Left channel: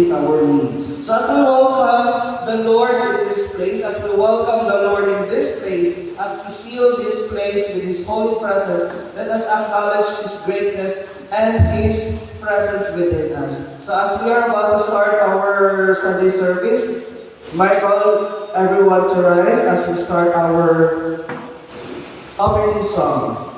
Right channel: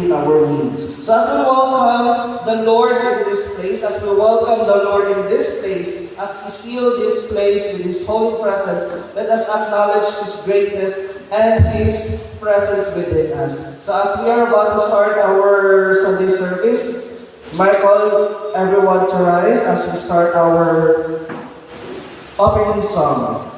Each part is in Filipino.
meet our needs. So as we welcome the Lord in this place, as we welcome the Lord in this place, as we seal this place with His holy presence, let us acknowledge His greatness and His presence within us. So as we are about to start our Sunday service, I call everyone to rise as we start our opening song.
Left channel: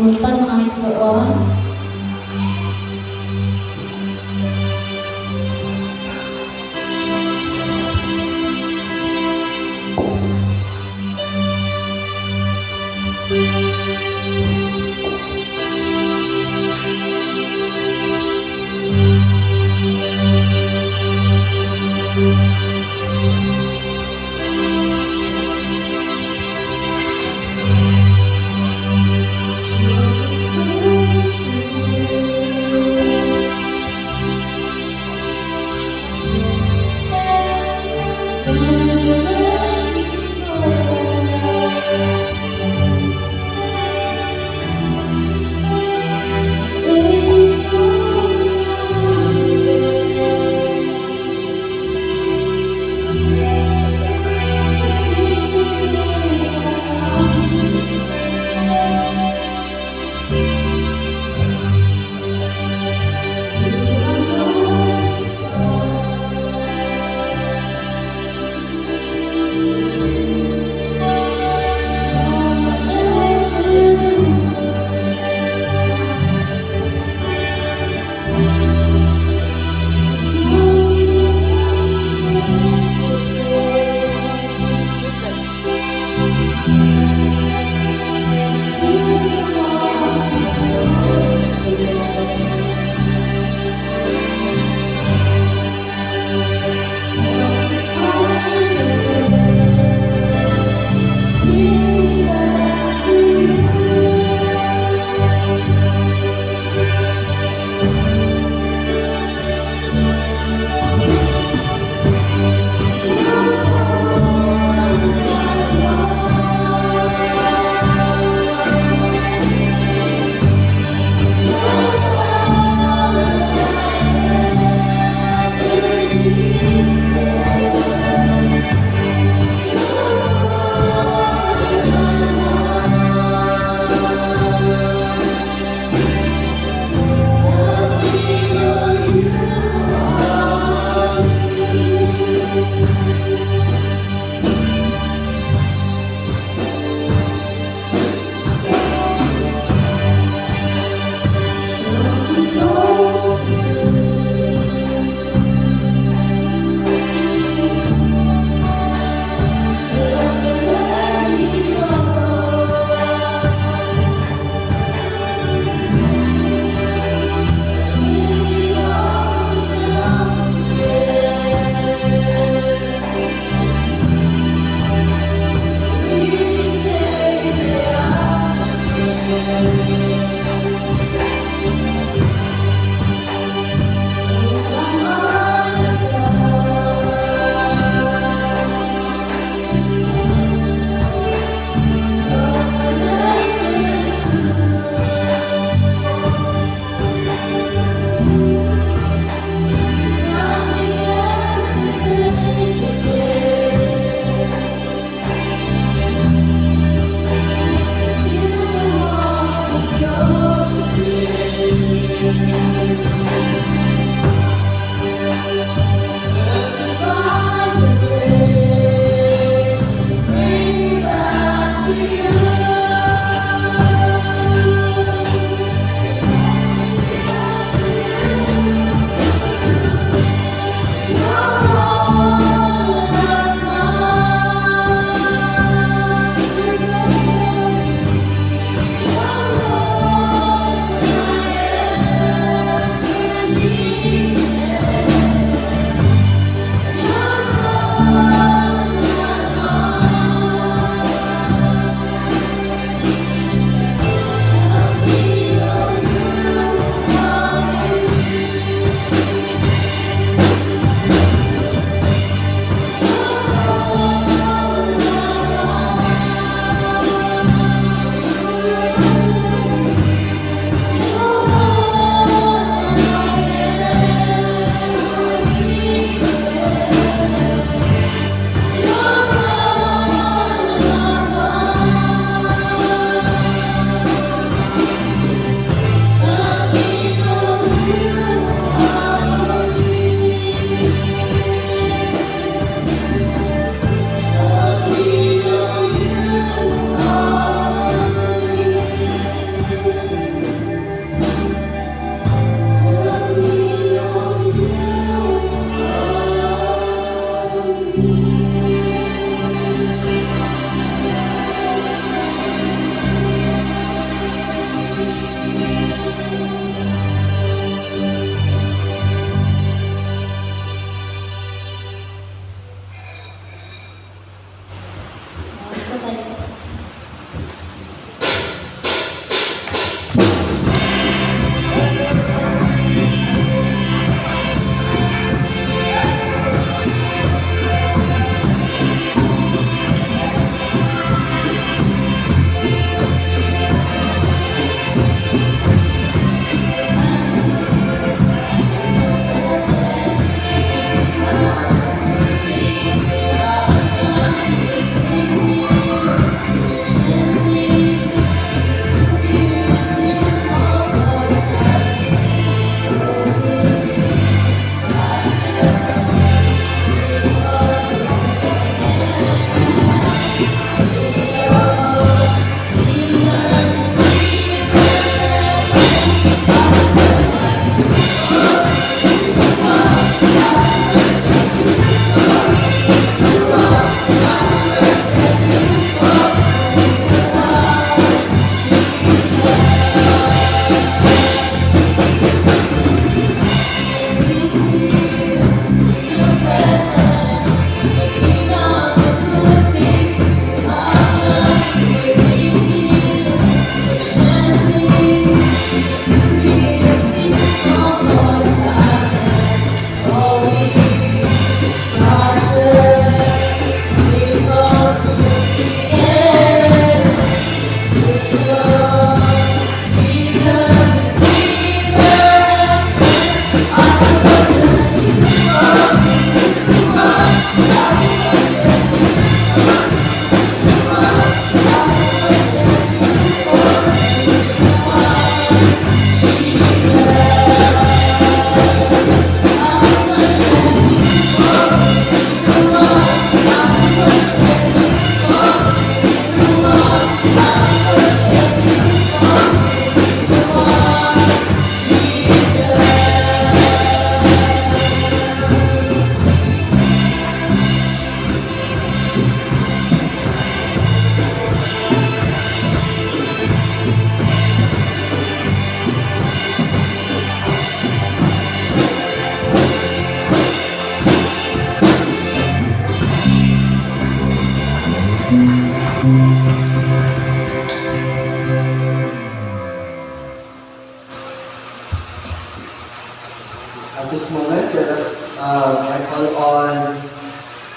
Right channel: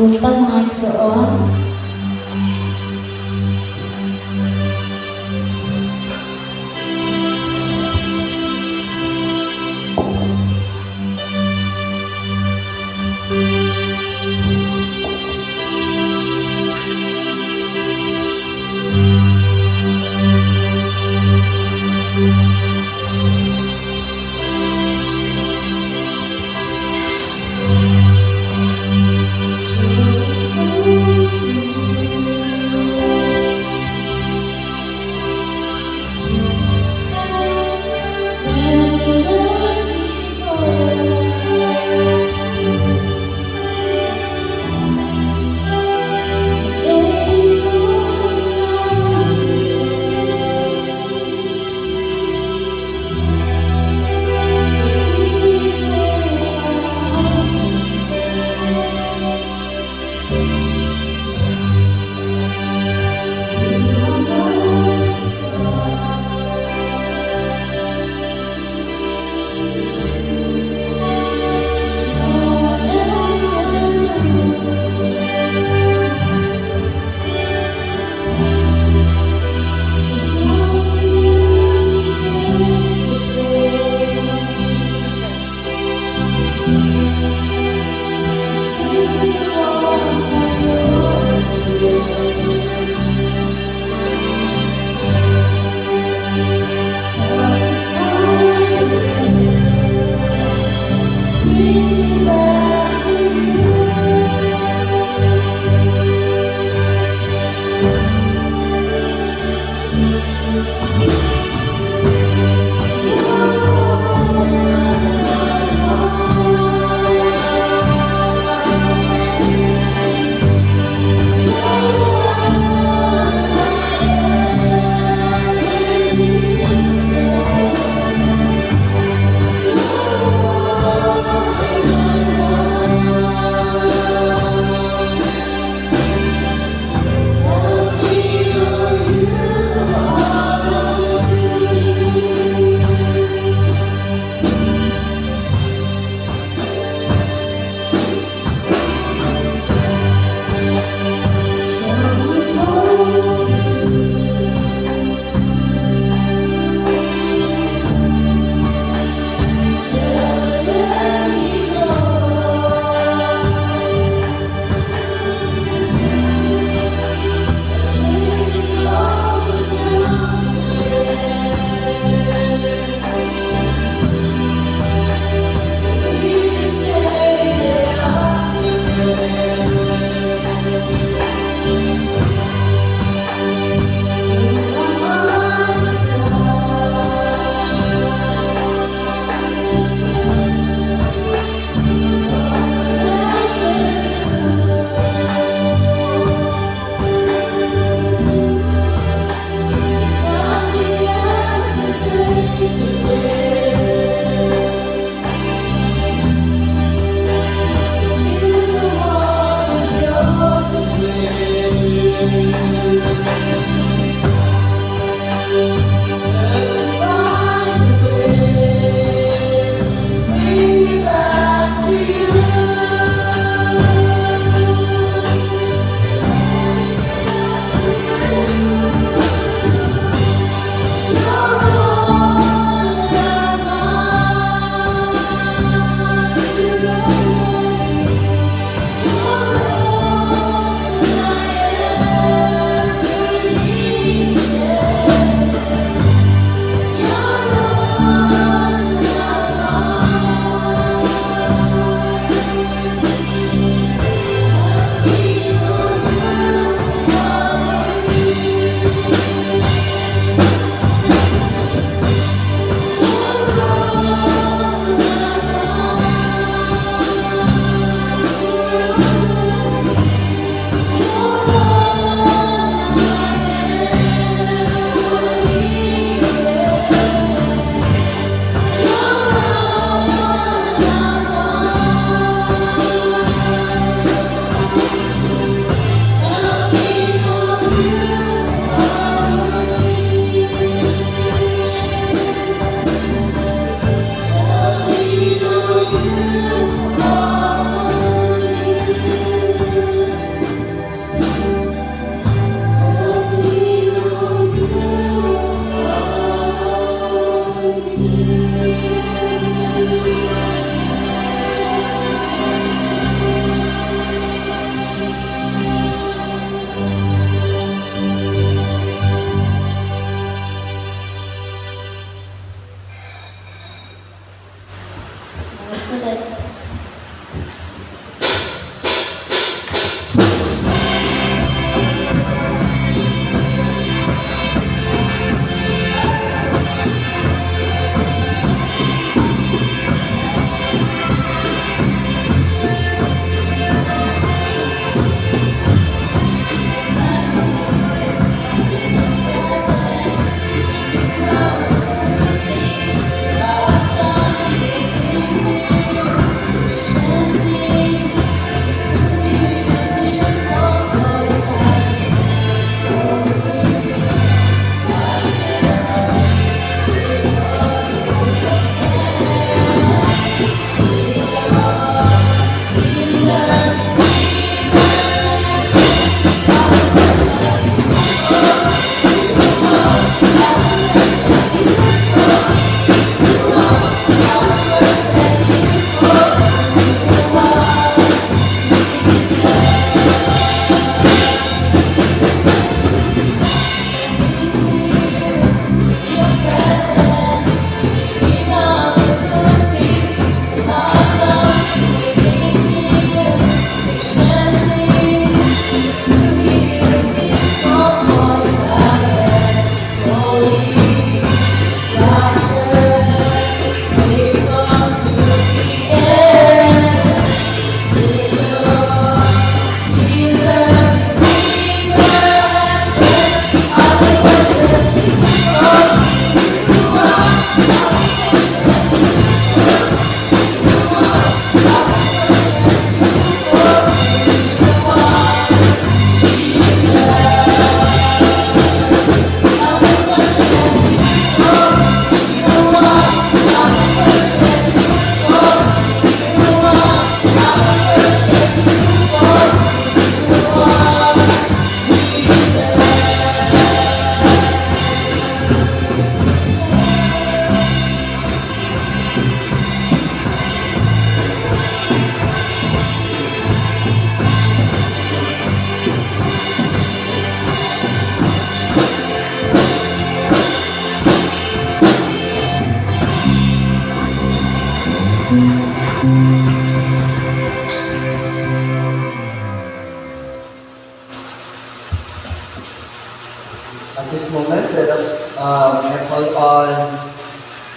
Buntag mga igsoon.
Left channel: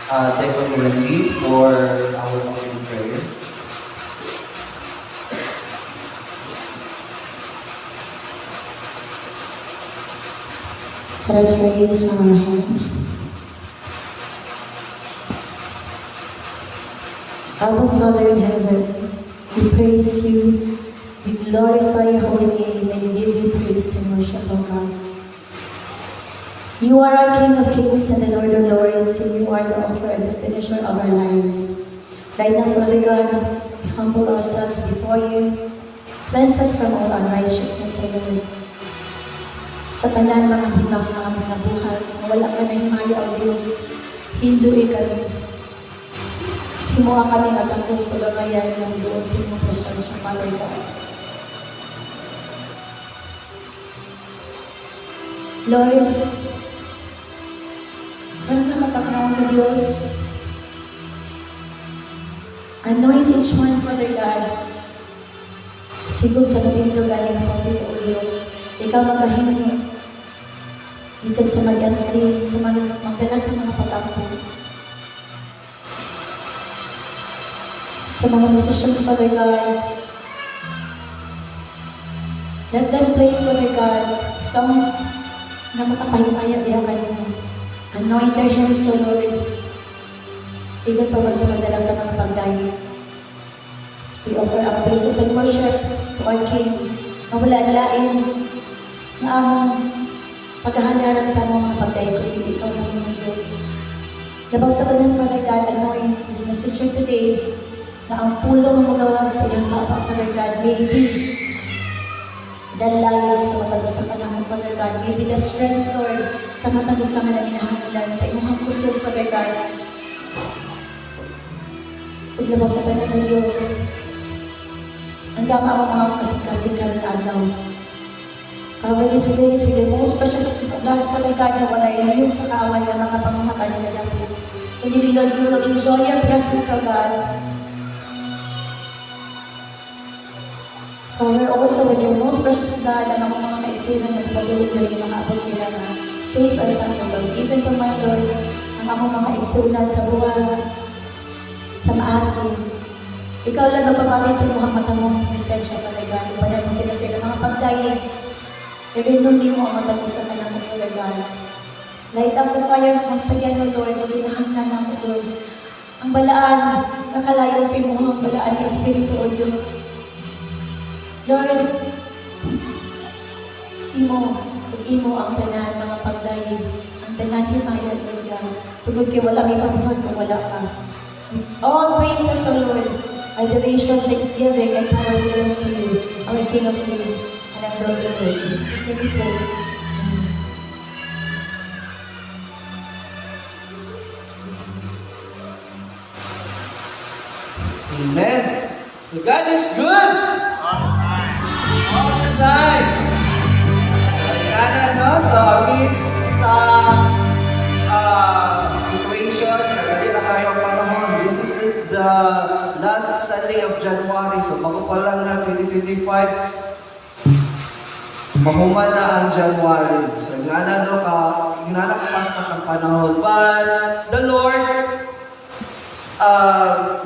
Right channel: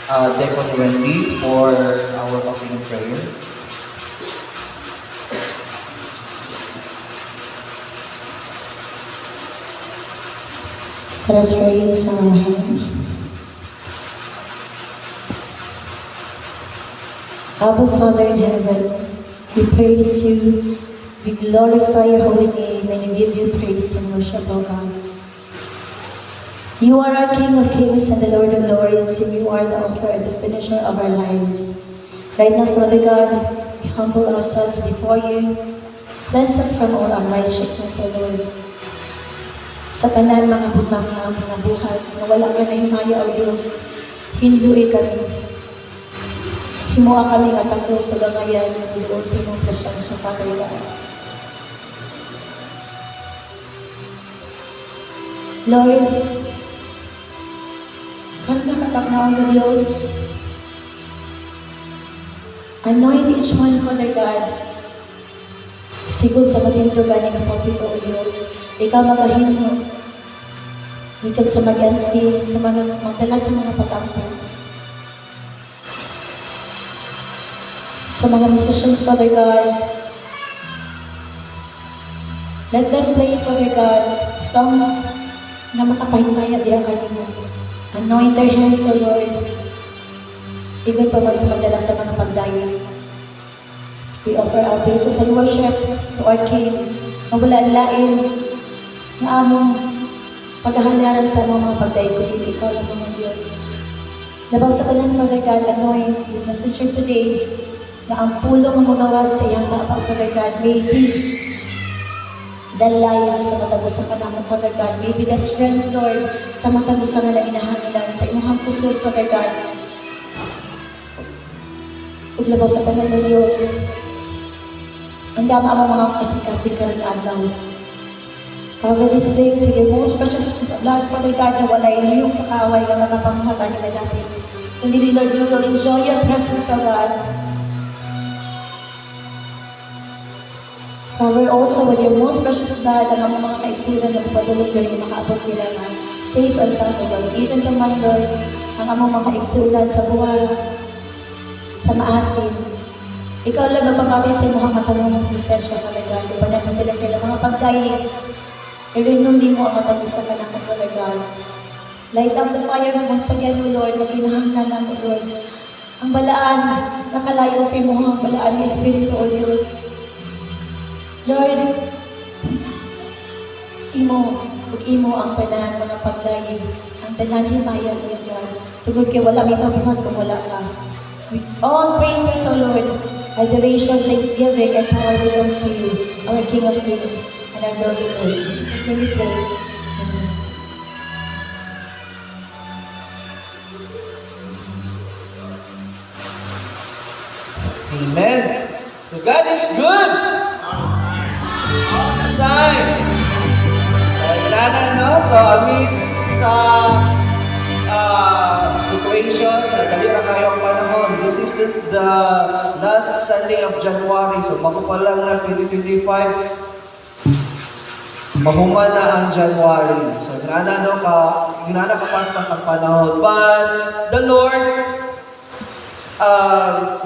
Deacon Wendy for our opening prayer. Let us raise our hands. Abba, Father in heaven, we praise you, we glorify your holy name, and we give you praise and worship, O God. You are our King of kings and the Lord of lords, and you are the author and the finisher of our lives. Right now, Father God, we humble ourselves before you. Cleanse us from all unrighteousness, O Lord. Sa tanan mga butang na aming nabuhay, na wala ka na himaya, O Diyos, hindui kami. Himuha kami nga tako sa bangayan ng doon sa inyong presensya, Father God. Lord, kami nakatagnaw na Diyos, anoint each one, Father God, sigod sa matindugan ng kapatid, O Diyos. Ikaw magahinyo, ikaw sa mag-ansin, sa mga magdala sa mga pag-ampon. Sa mga musicians, Father God, let them play, Father God, songs na makapahimaya diya kanimo. Anoint their hands, O Lord. Igon pa man sa magdala sa mga pagdayo. We offer our praises and worship to our King, na wala lain na among paghahanaran sa mga pagdayo kundi ikaw lang ang Diyos. Labaw sa kanan, Father God, anoint yung messenger today na ang pulong magawa sa iyang Papa, Father God, may be the life sa matagos sa panahon, Father God. May be the strength, Lord, sa matagos sa mga inahangilan, sa inyong kusod, Father God. Uglabaw sa kanan ng Diyos, ang dama ang mga kasing-kasing karon adlaw. Cover this place with your most precious blood, Father God, na walay liyong sa kaaway na makapanghaka nila namin. Kundi, Lord, we will enjoy your presence, O God. Cover also with your most precious blood ang mga kaigsunan na pumadulog na rin makaabot sila na safe and sound, Lord. Even to my Lord, ang among mga kaigsunan sa buwan, sa maasin. Ikaw lang magpapatay sa mga matamong presensya, Father God. Ipanan mo sila mga pagdaig. I-renew mo ang matagos sa kanang, Father God. Light up the fire once again, O Lord, na ginahanglan na, O Lord. Ang balaan, nakalayo sa imo ang balaan ng Espiritu, O Diyos. Lord, imo ang tanan, mga pagdayig, ang tanan himaya, Lord God. Tugod kay wala may mabuhat kung wala ka. With all praises, O Lord, adoration, thanksgiving, and power belongs to you, our King of Kings, and our Lord of Lords. In Jesus' name we pray. Amen. Amen. So God is good. All the time. So, inanan, no? So, amidst sa situation, nagdali na kayo ang panahon. This is the last Sunday of January. So, bago pa lang na 2025, mahuman na ang January. So, inanan, no? Inana kapaspas ang panahon. But, the Lord,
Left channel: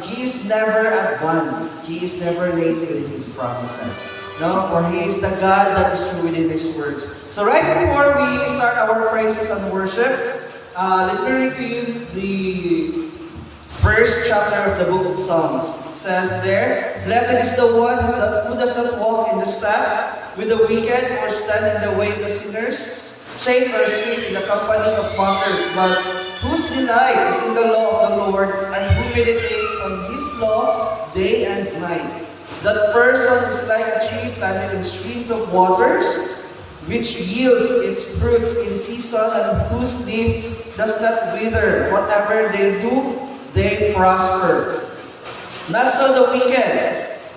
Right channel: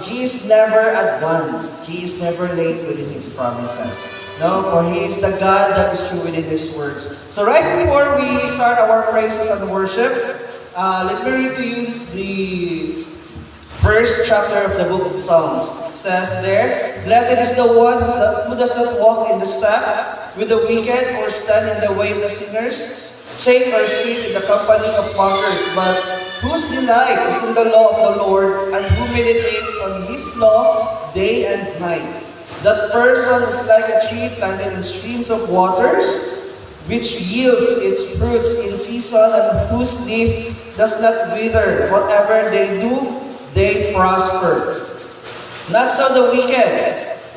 He is never advanced. He is never late within His promises. No, for He is the God that is true within His words. So right before we start our praises and worship, let me read to you the first chapter of the book of Psalms. It says there, "Blessed is the one who does not walk in the step with the wicked or stand in the way of the sinners, safe or sit in the company of mockers, but whose delight is in the law of the Lord, and who meditates on His law day and night. That person is like a tree planted in streams of waters, which yields its fruits in season, and whose leaf does not wither. Whatever they do, they prosper. Not so the wicked.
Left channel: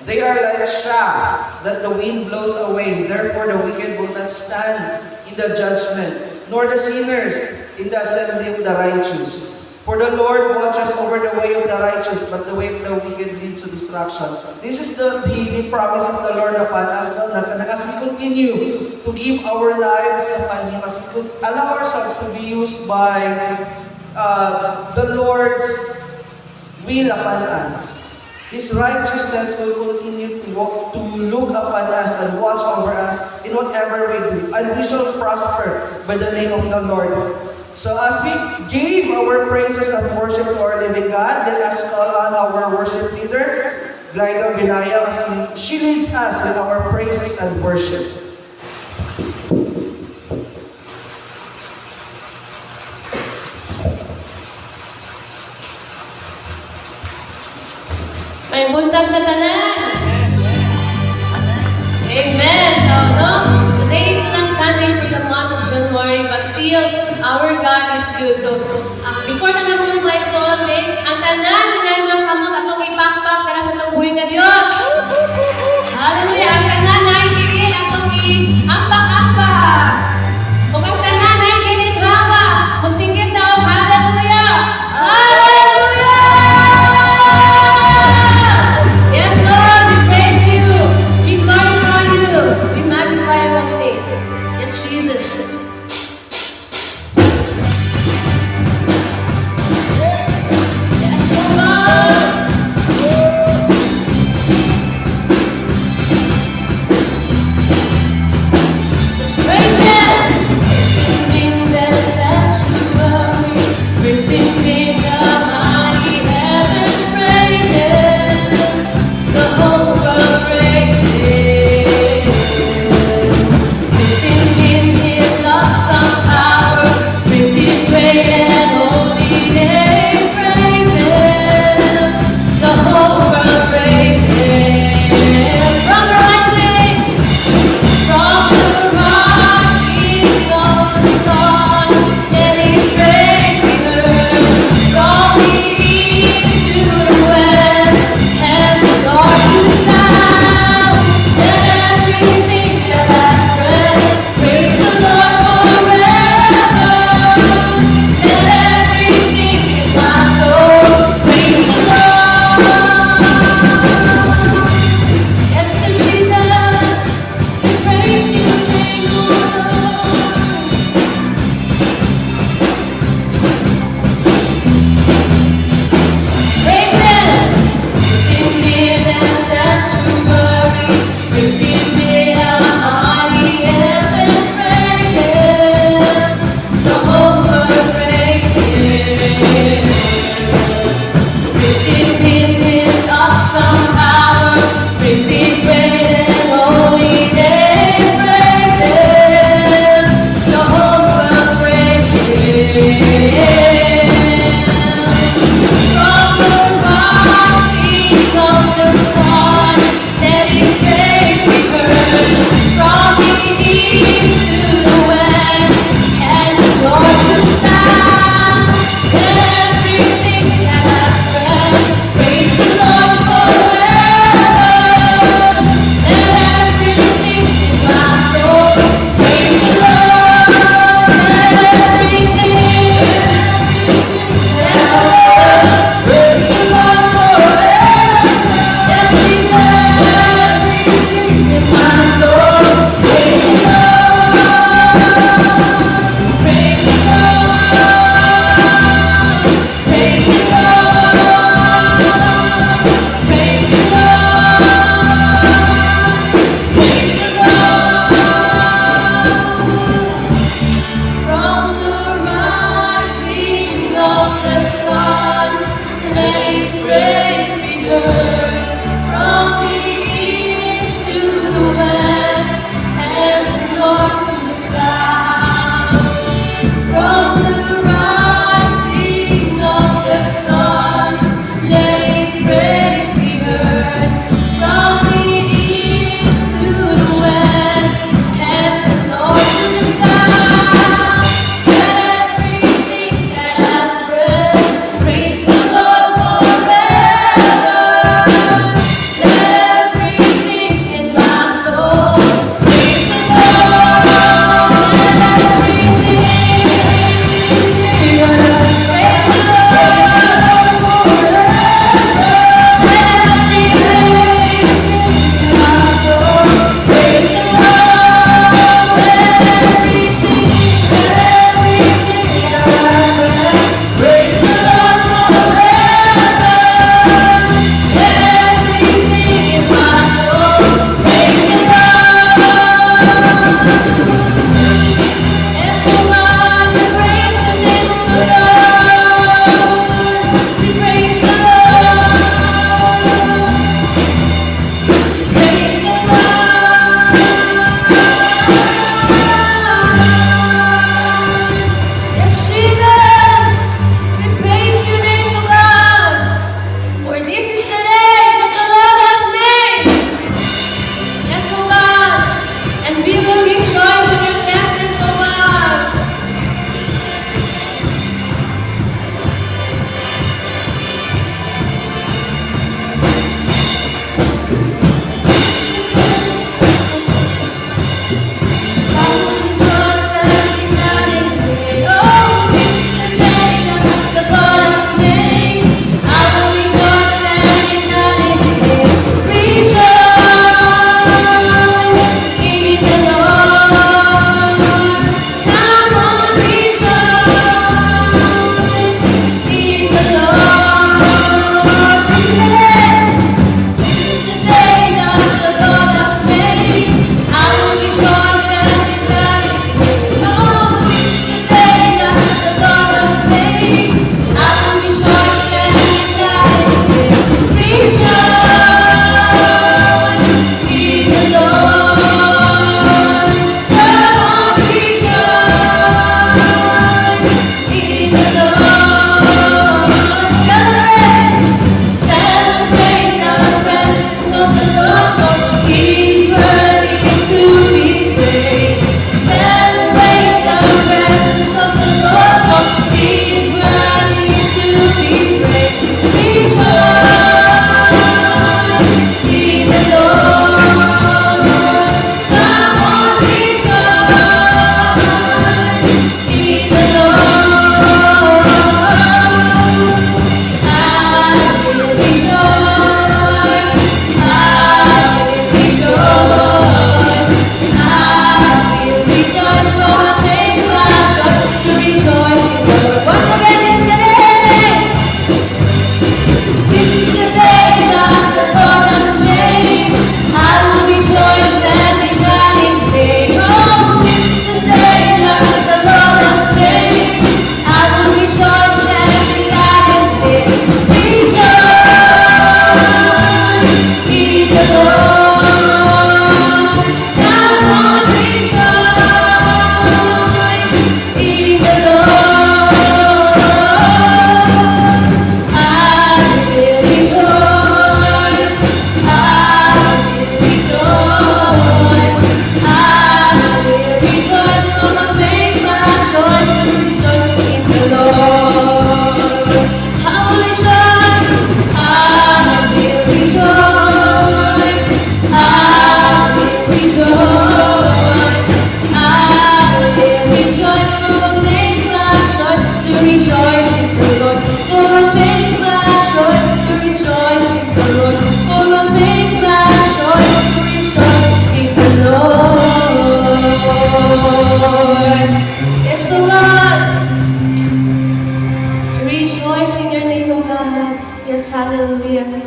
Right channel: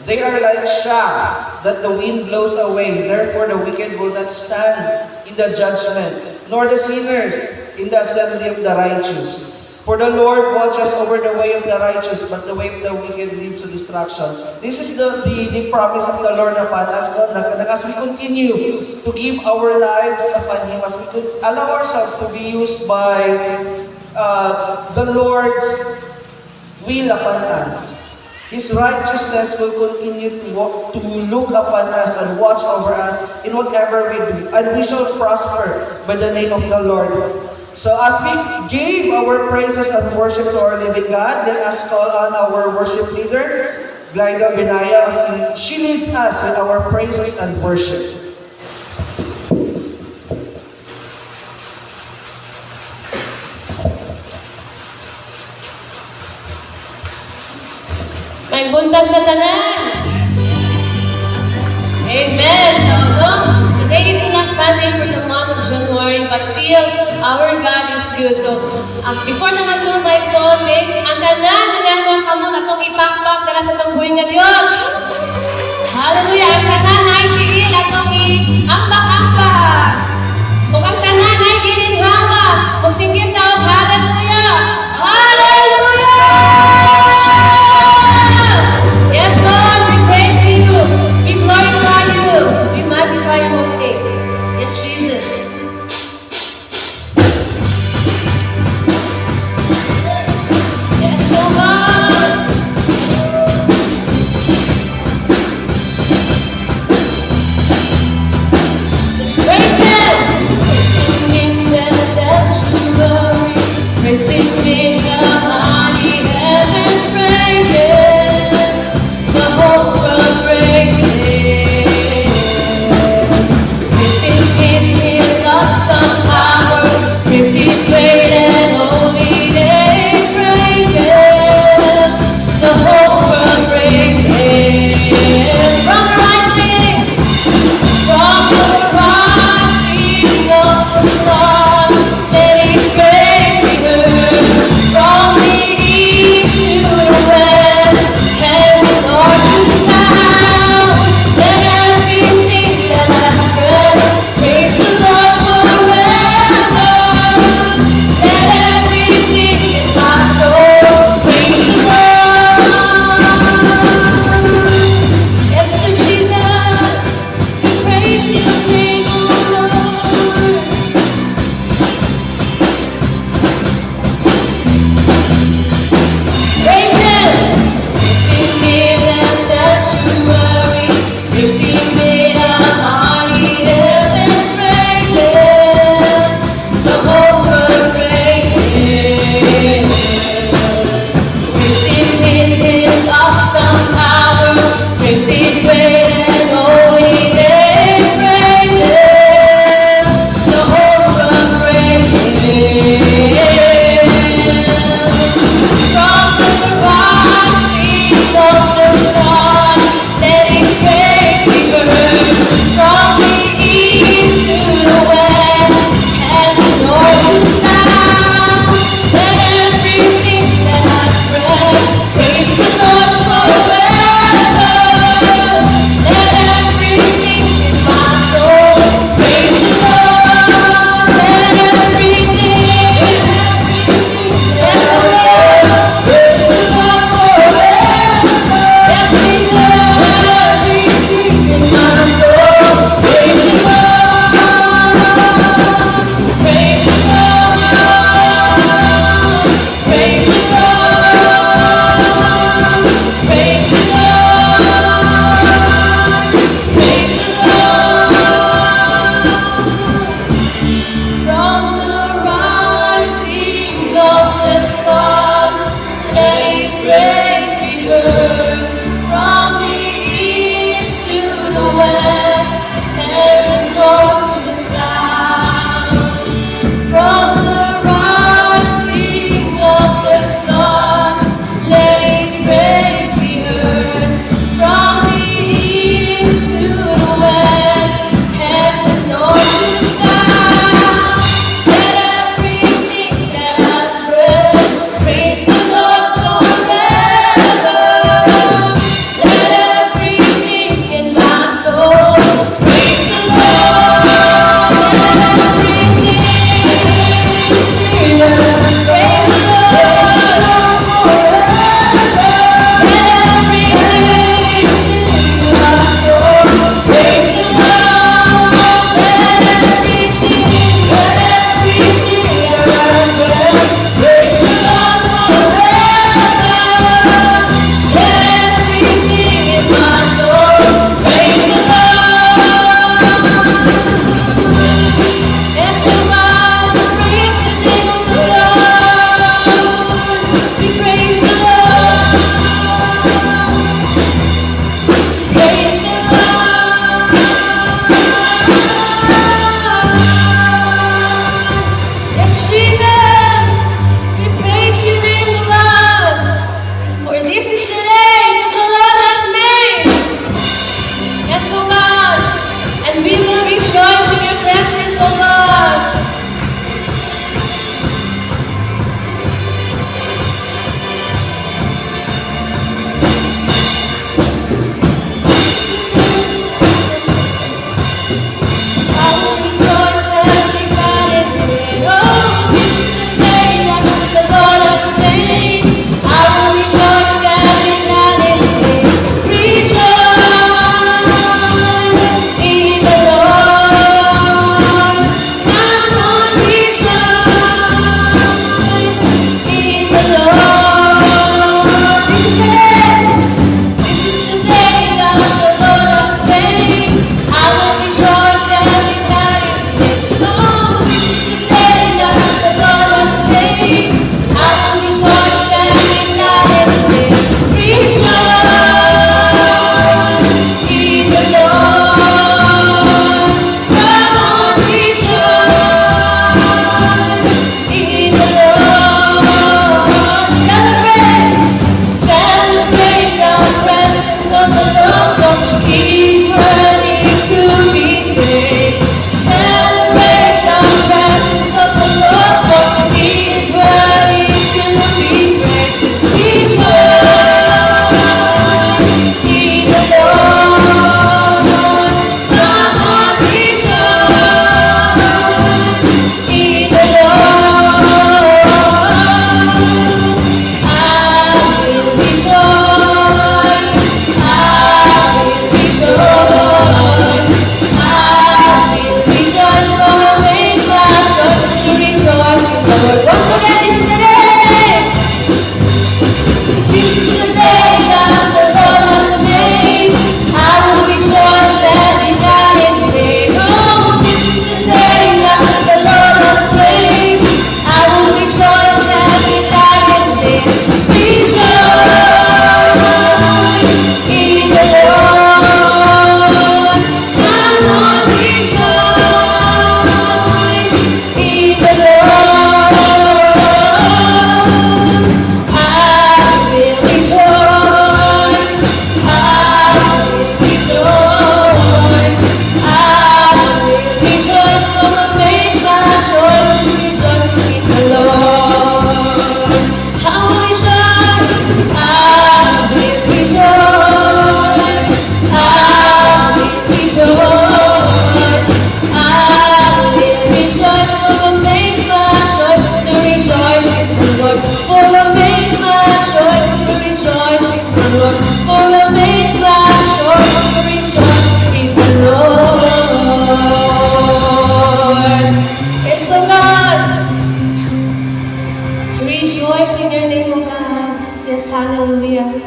They are like chaff that the wind blows away. Therefore the wicked will not stand in the judgment, nor the sinners in the assembly of the righteous. For the Lord watches over the way of the righteous, but the way of the wicked leads to destruction." This is the promise of the Lord upon us, as we continue to give our lives upon Him, as we could allow ourselves to be used by the Lord's will upon us. His righteousness will continue to look upon us and watch over us in whatever we do. And we shall prosper by the name of the Lord. So as we gave our praises and worship to our living God, let us call on our worship leader, Glyda Binaya, as she leads us with our praises and worship. May buntag sa tanan. Amen. So, no, today is the last Sunday for the month of January, but still, our God is good. So, before the national mic song, ang tanan na dahil mga kamot atong ipakpak dala sa tubuhin nga Diyos. Hallelujah. Ang tanan ay kigil atong i-ampak-ampak. Kung ang tanan ay ginighawa, musinggit na og hallelujah. Hallelujah! Yes, Lord, we praise you. We glorify you. We magnify your holy name. Yes, Jesus. Yes, oh God. Let's praise Him. Praise Him in the sanctuary. Praise Him in the mighty heavens. Praise Him. The whole world praise Him. Praise Him in His awesome power. Praise His great and holy name. Praise Him. The whole world praise Him. From the rising, from the rising of the sun, let His praise be heard. From the Hallelujah.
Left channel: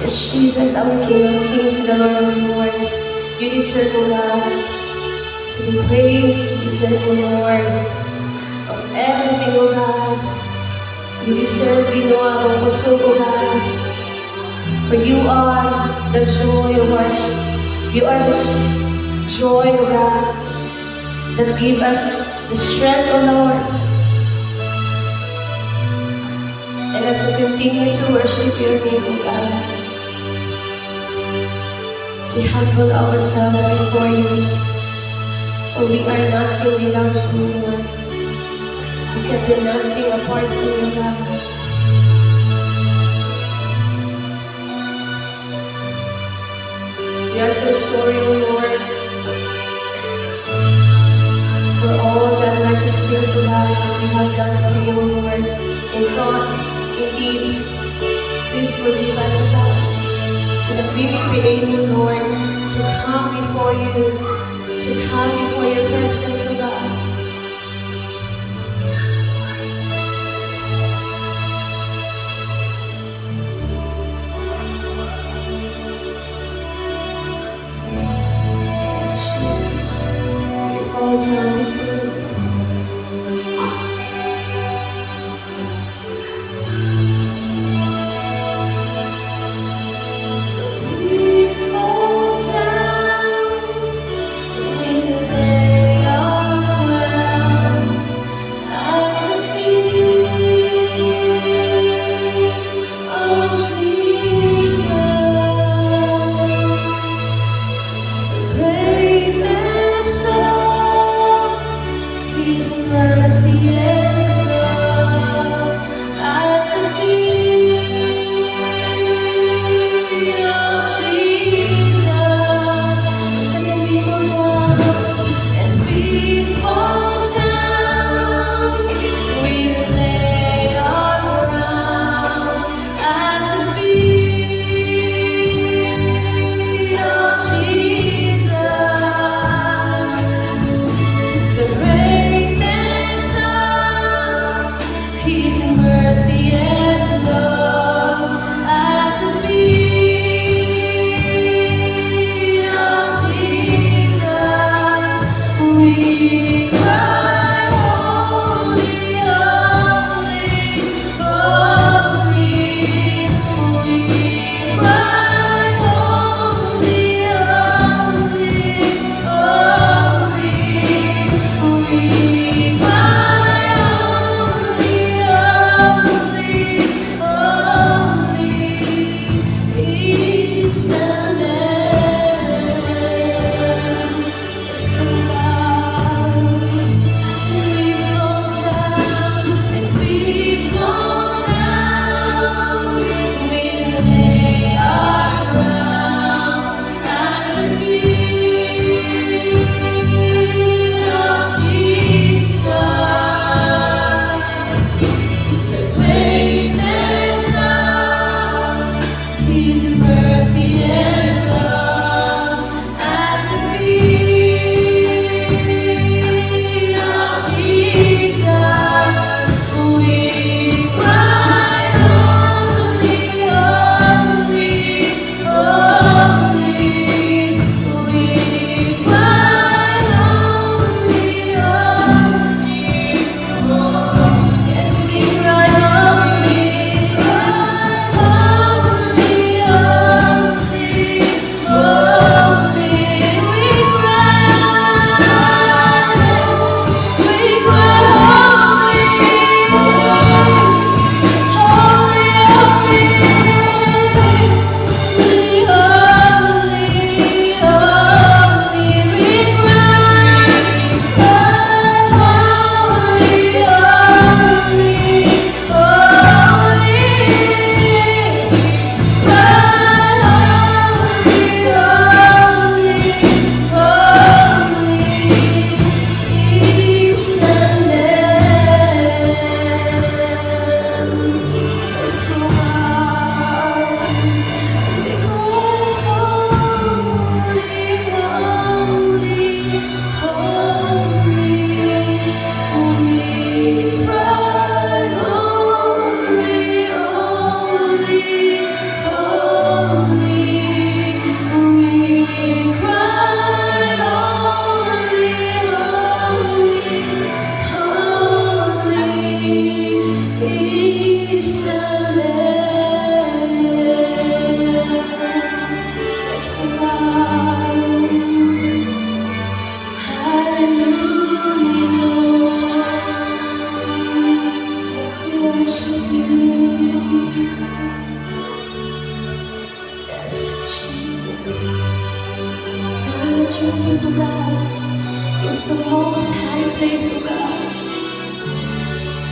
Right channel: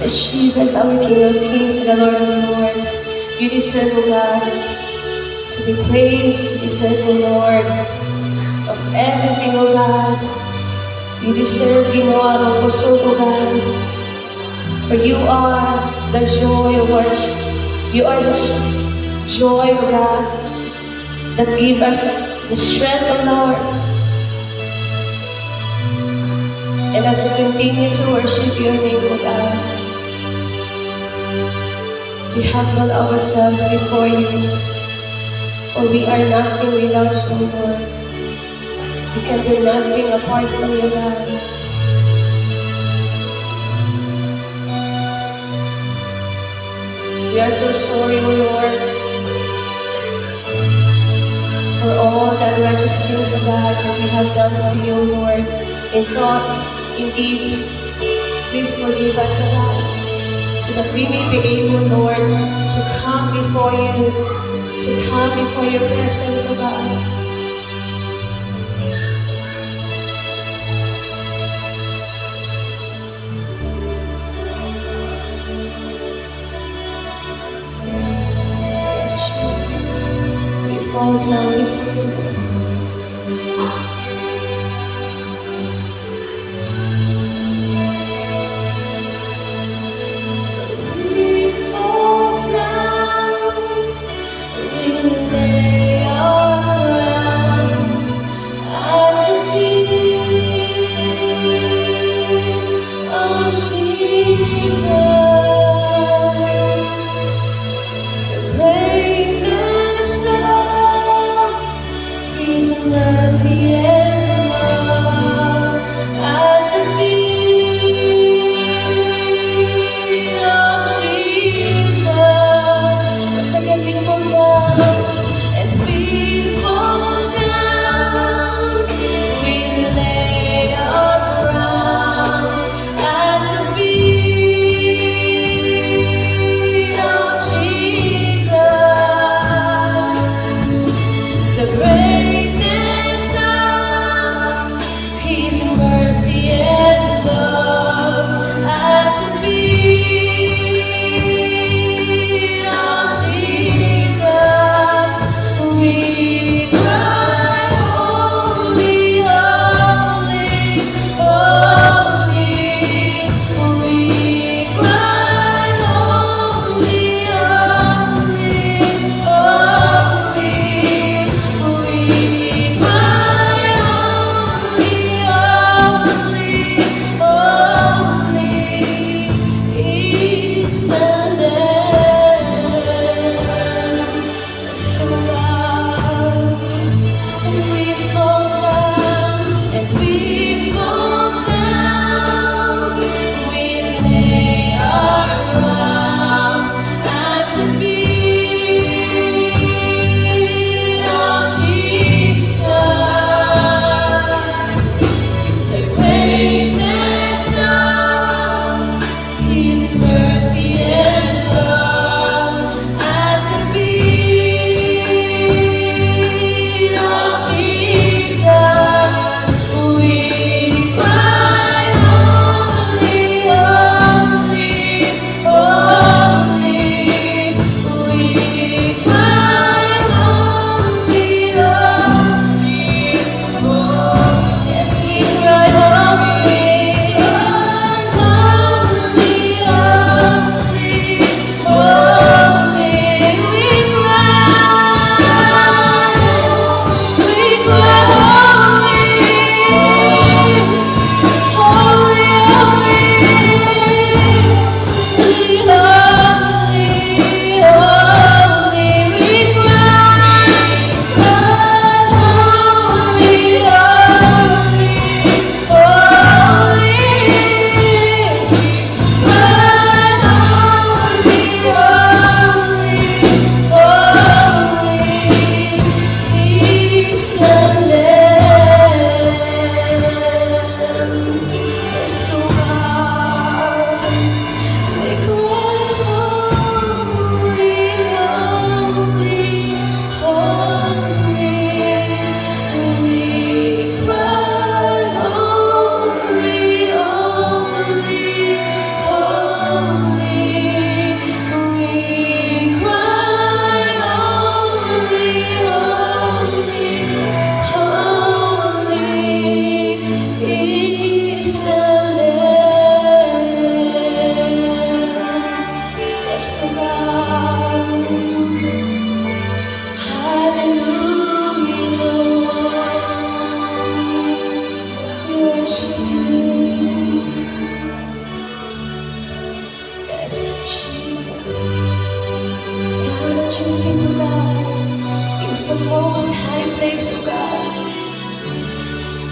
Yes, Jesus, our King of Kings and the Lord of Lords, you deserve, O God, to be praised. You deserve, O Lord, of everything, O God. You deserve ginawa ng kusog, O God. For you are the joy of our, you are the joy, O God, that give us the strength, O Lord. And as we continue to worship your name, O God, we humble ourselves before you, for we are nothing without you, Lord. We can do nothing apart from you, God. We are so sorry, O Lord, for all the unrighteous things, O God, that we have done to you, Lord, in thoughts, in deeds. Please forgive us, O God, so that we may be able, Lord, to come before you, to come before your presence, O God. Yes, Jesus, we fall down before you.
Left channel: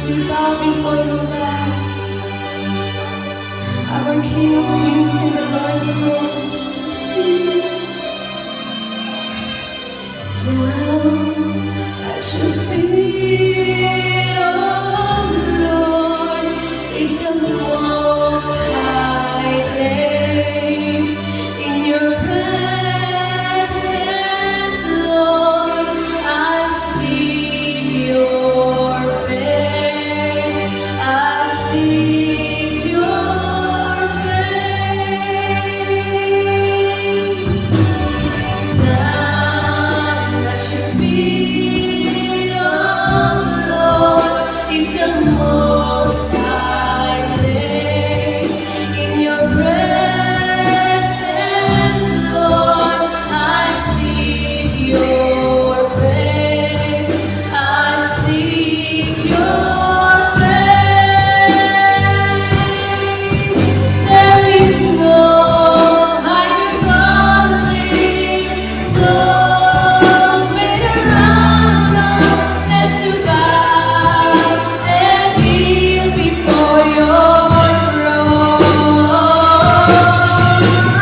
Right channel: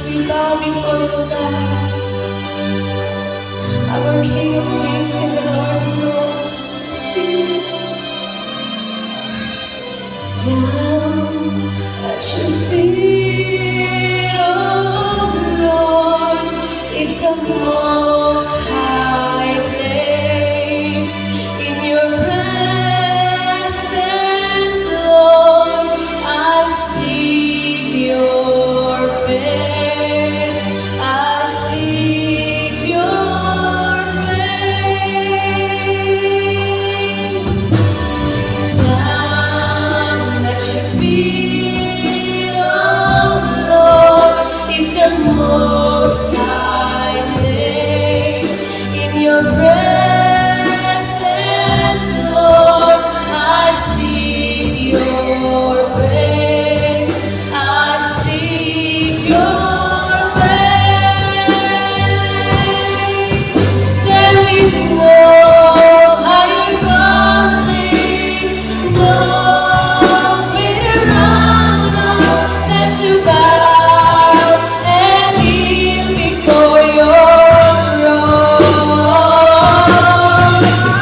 We bow before you, God. Our King of Kings and the Lord of Lords. Down at your feet, oh Lord, is the most high place. In your presence, Lord, I seek your face. I seek your face. Down at your feet, oh Lord, is the most high place. In your presence, Lord, I seek your face. I seek your face. There is no higher calling, no greater honor than to bow and kneel before your throne.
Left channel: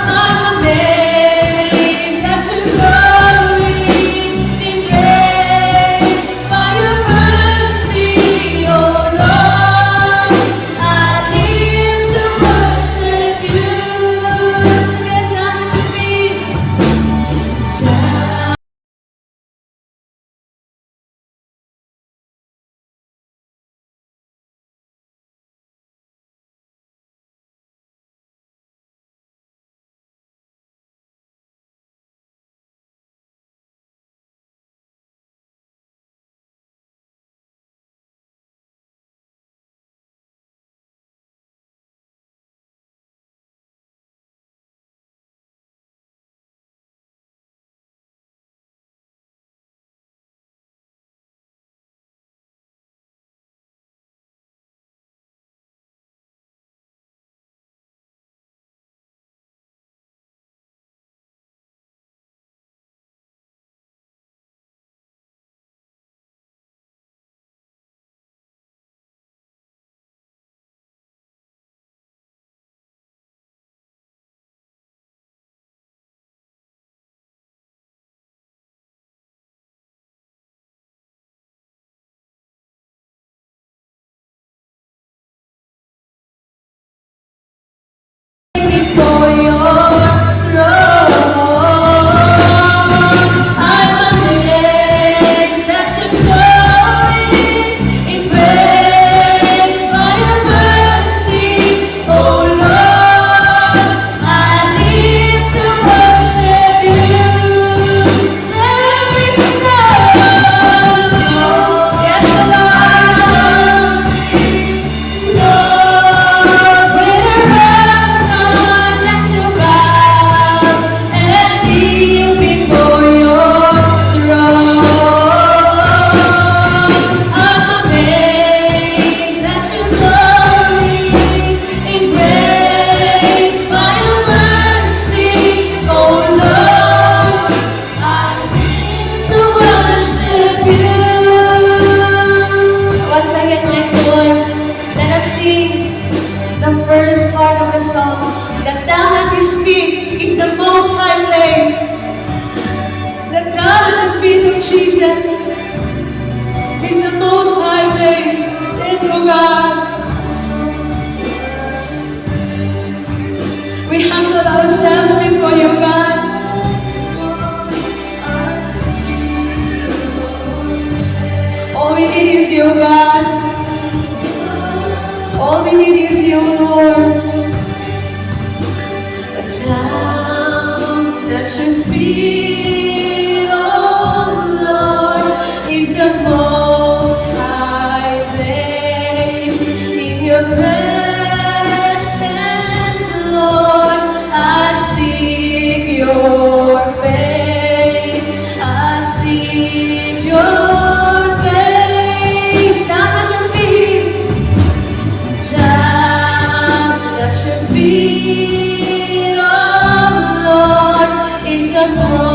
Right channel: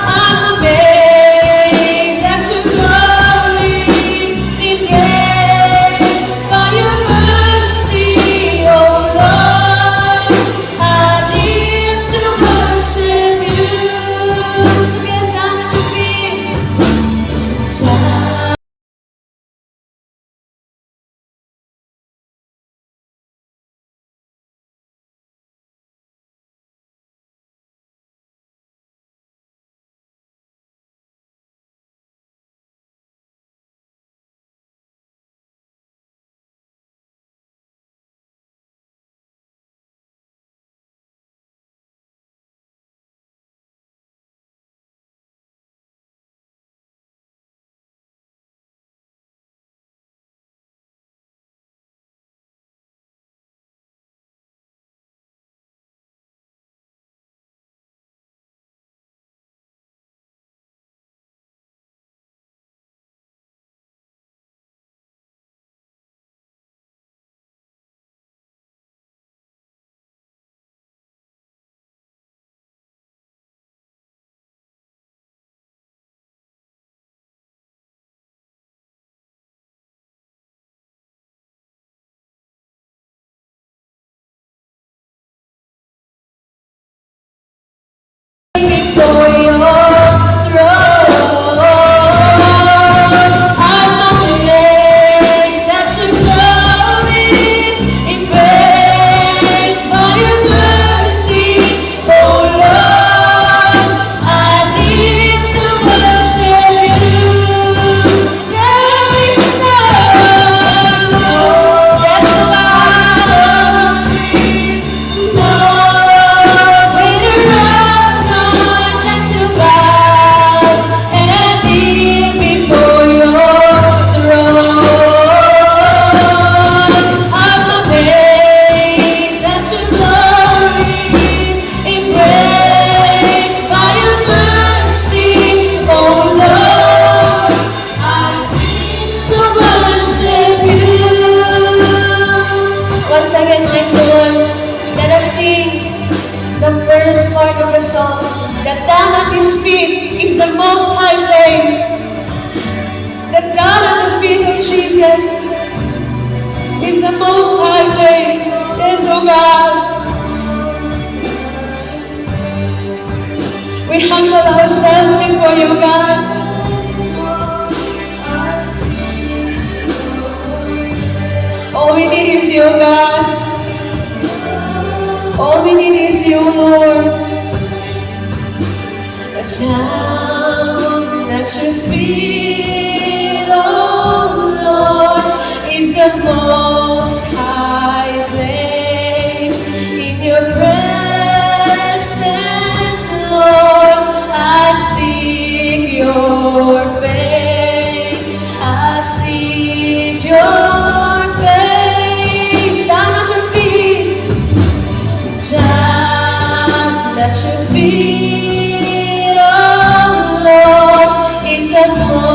I'm amazed at your glory, embraced by your mercy, oh Lord. I live to worship you. So get down at your feet. Down. Before your throne, I'm amazed at your glory, embraced by your mercy, oh Lord. I live to worship you. There is no, yes, no greater honor than to bow and kneel before your throne. I'm amazed at your glory, embraced by your mercy, oh Lord. I live to worship you. Once again, next one, let us sing the first part of the song. That down at his feet is the most high place. That down at the feet of Jesus is the most high place. Yes, oh God. We humble ourselves before you, God. All we need is you, God. All we need is you, Lord. Down at your feet, oh Lord, is the most high place. In your presence, Lord, I seek your face. I seek your face. Down at your feet. Down at your feet, oh Lord, is the most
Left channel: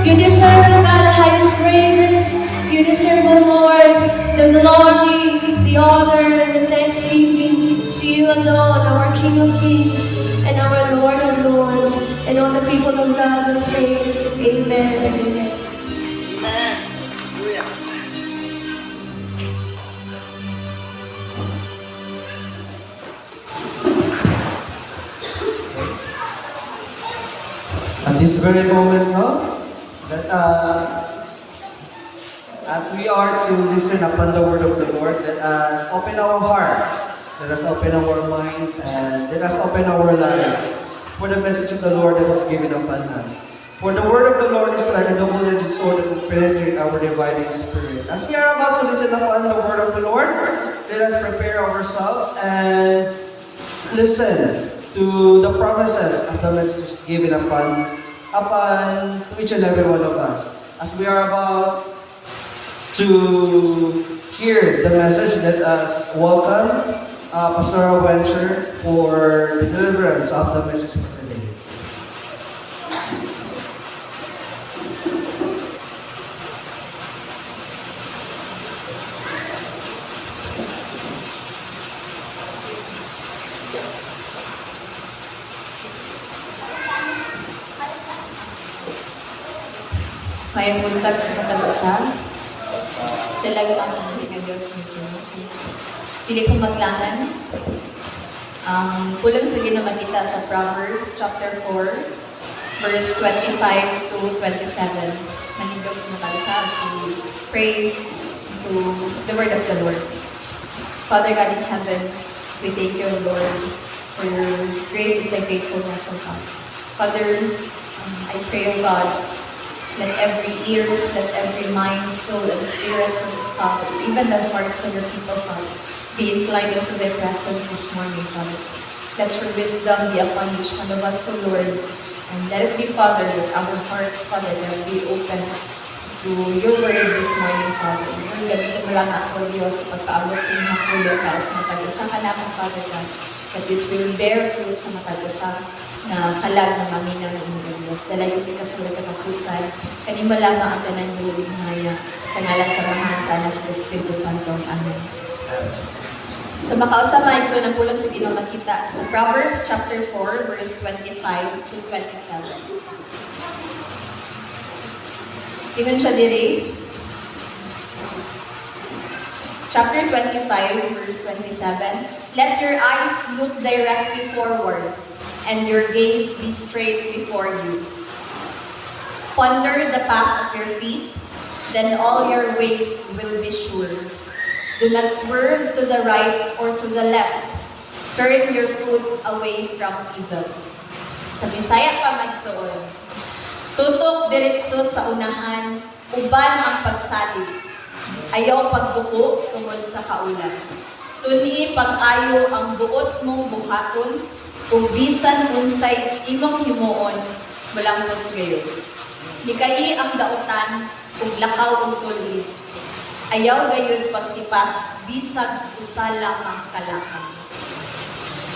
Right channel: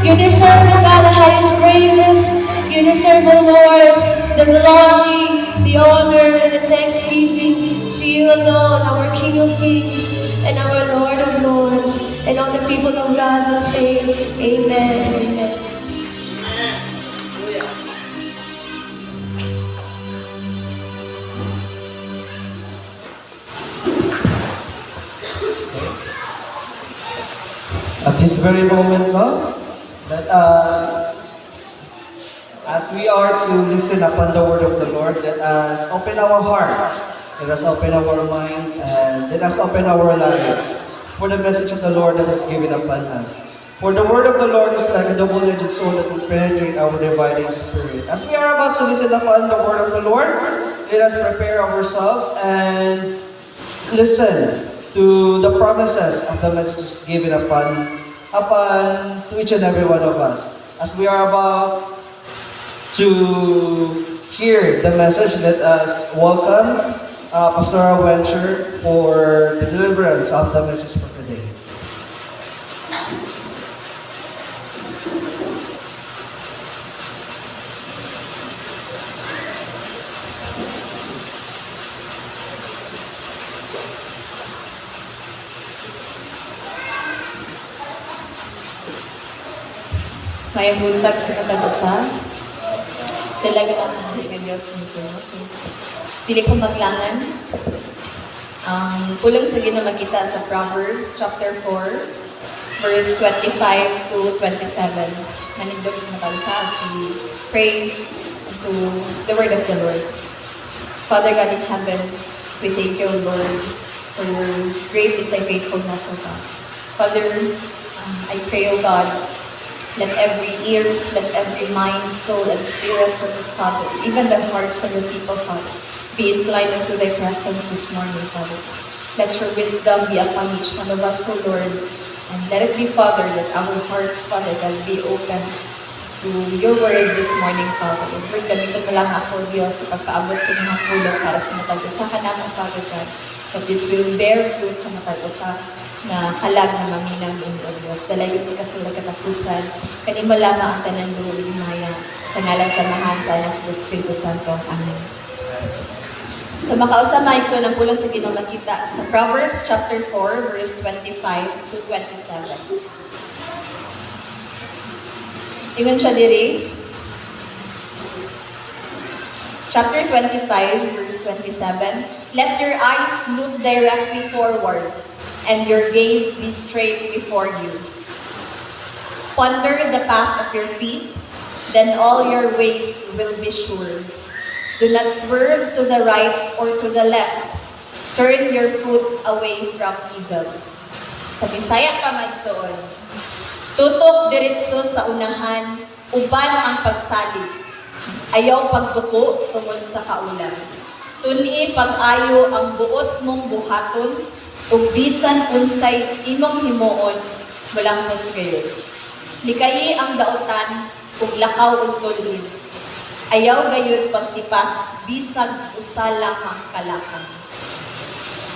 You deserve, O God, the highest praises. You deserve, O Lord, the glory, the honor, and the thanksgiving to you alone, our King of Kings and our Lord of Lords. And all the people of God will say, Amen. Amen. At this very moment, no? That as we are to listen upon the word of the Lord, let us open our hearts, let us open our minds, and let us open our lives for the message of the Lord that is given upon us. For the word of the Lord is like a double-edged sword that will penetrate our dividing spirit. As we are about to listen upon the word of the Lord, let us prepare ourselves and listen to the promises of the messages given upon to each and every one of us. As we are about to hear the message, let us welcome Pastoral Venture for the deliverance of the message for today. May buntag sa katagusan. Talaga lang ang ng Diyos mismo. So, dili ko maglangan. Kulang sa ginamakita sa Proverbs chapter 4, verse 25 to 27. Manindog na tayo sa as we pray to the word of the Lord. Father God in heaven, we thank you, Lord, for your great is thy faithfulness, O God. Father, I pray, O God, let every ears, let every mind, soul, and spirit, Father, even the hearts of your people, Father, be inclined unto thy presence this morning, Father. Let your wisdom be upon each one of us, O Lord. And let it be, Father, that our hearts, Father, can be open to your word this morning, Father. Lord, gamitin mo lang ako, Diyos, sa pagkaabot sa mga pulo para sa matag-usa ka naman, Father God, that this will bear fruit sa matag-usa na kalag na maminang inyong Diyos. Dalayon di ka sa katapusan, kanima lamang ang tanan duwing maya, sa ngalan sa mahan, sa anak sa Espiritu Santo. Amen. So makausama, so nang pulang sa ginamakita sa Proverbs chapter 4, verse 25 to 27. Ingon siya diri. Chapter 25, verse 27. Let your eyes look directly forward, and your gaze be straight before you. Ponder the path of your feet, then all your ways will be sure. Do not swerve to the right or to the left. Turn your foot away from evil. Sa Bisaya pa magsuon. Tutok diretso sa unahan, uban ang pagsalig. Ayaw pagduko tungod sa kaulan. Tuni pag-ayo ang buot mong buhaton, ug bisan unsay imong himuon, malangkos gayon. Likayi ang dautan, ug lakaw ug tulid. Ayaw gayon pagtipas, bisag usala ang kalakan.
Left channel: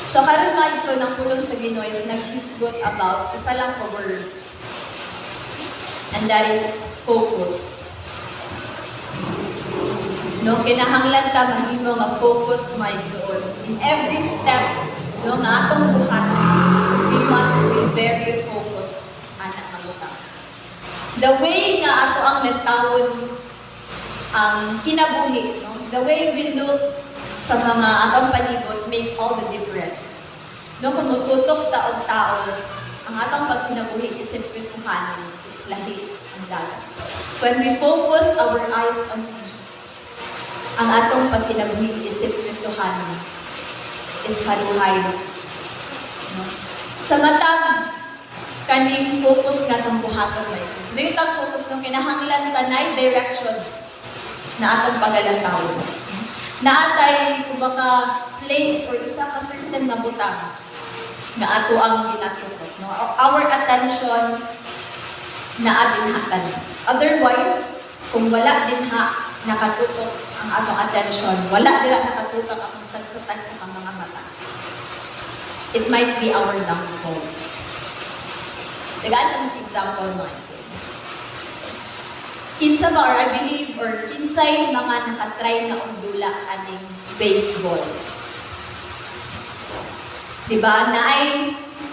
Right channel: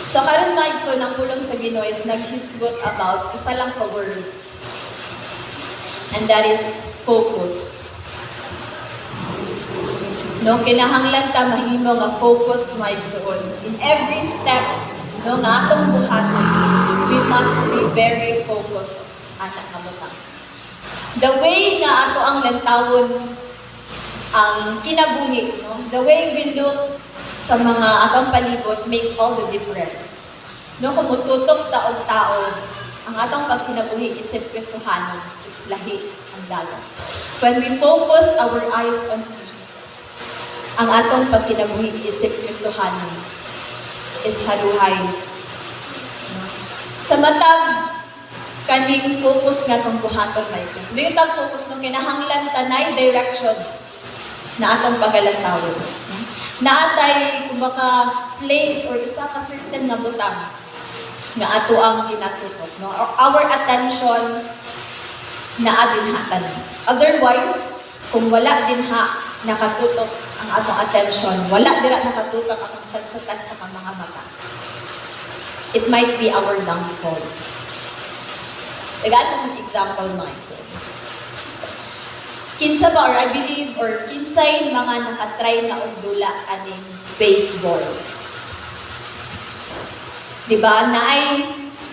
So karon mga igsoon, ang pulong sa Ginoo is naghisgot about isa lang ka word. And that is focus. No, kinahanglan ta mahimo nga focus mga igsoon. In every step no nga atong buhat, we must be very focused anak kamuta. The way nga ato ang lantawon ang kinabuhi, no? The way we look sa mga atong palibot makes all the difference. No, kung mututok taog tao, ang atong pagkinabuhi isip Kristohanon is lahi ang dagat. When we focus our eyes on Jesus, ang atong pagkinabuhi isip Kristohanon is haruhay. No? Sa matag kaning focus nga tong buhaton may isip. May utang focus nung kinahanglan tanay direction na atong pagalantaw. Naatay kung baka place or isa ka certain na butang na ato ang kinatutok. No? Our attention na adinhatan. Otherwise, kung wala dinha nakatutok ang atong attention, wala dira nakatutok ang tagsa-tagsa sa mga mata, it might be our downfall. Tagaan ng example mo iso. kinsa ba, or I believe, or kinsay mga nakatry na og dula aning baseball. Diba?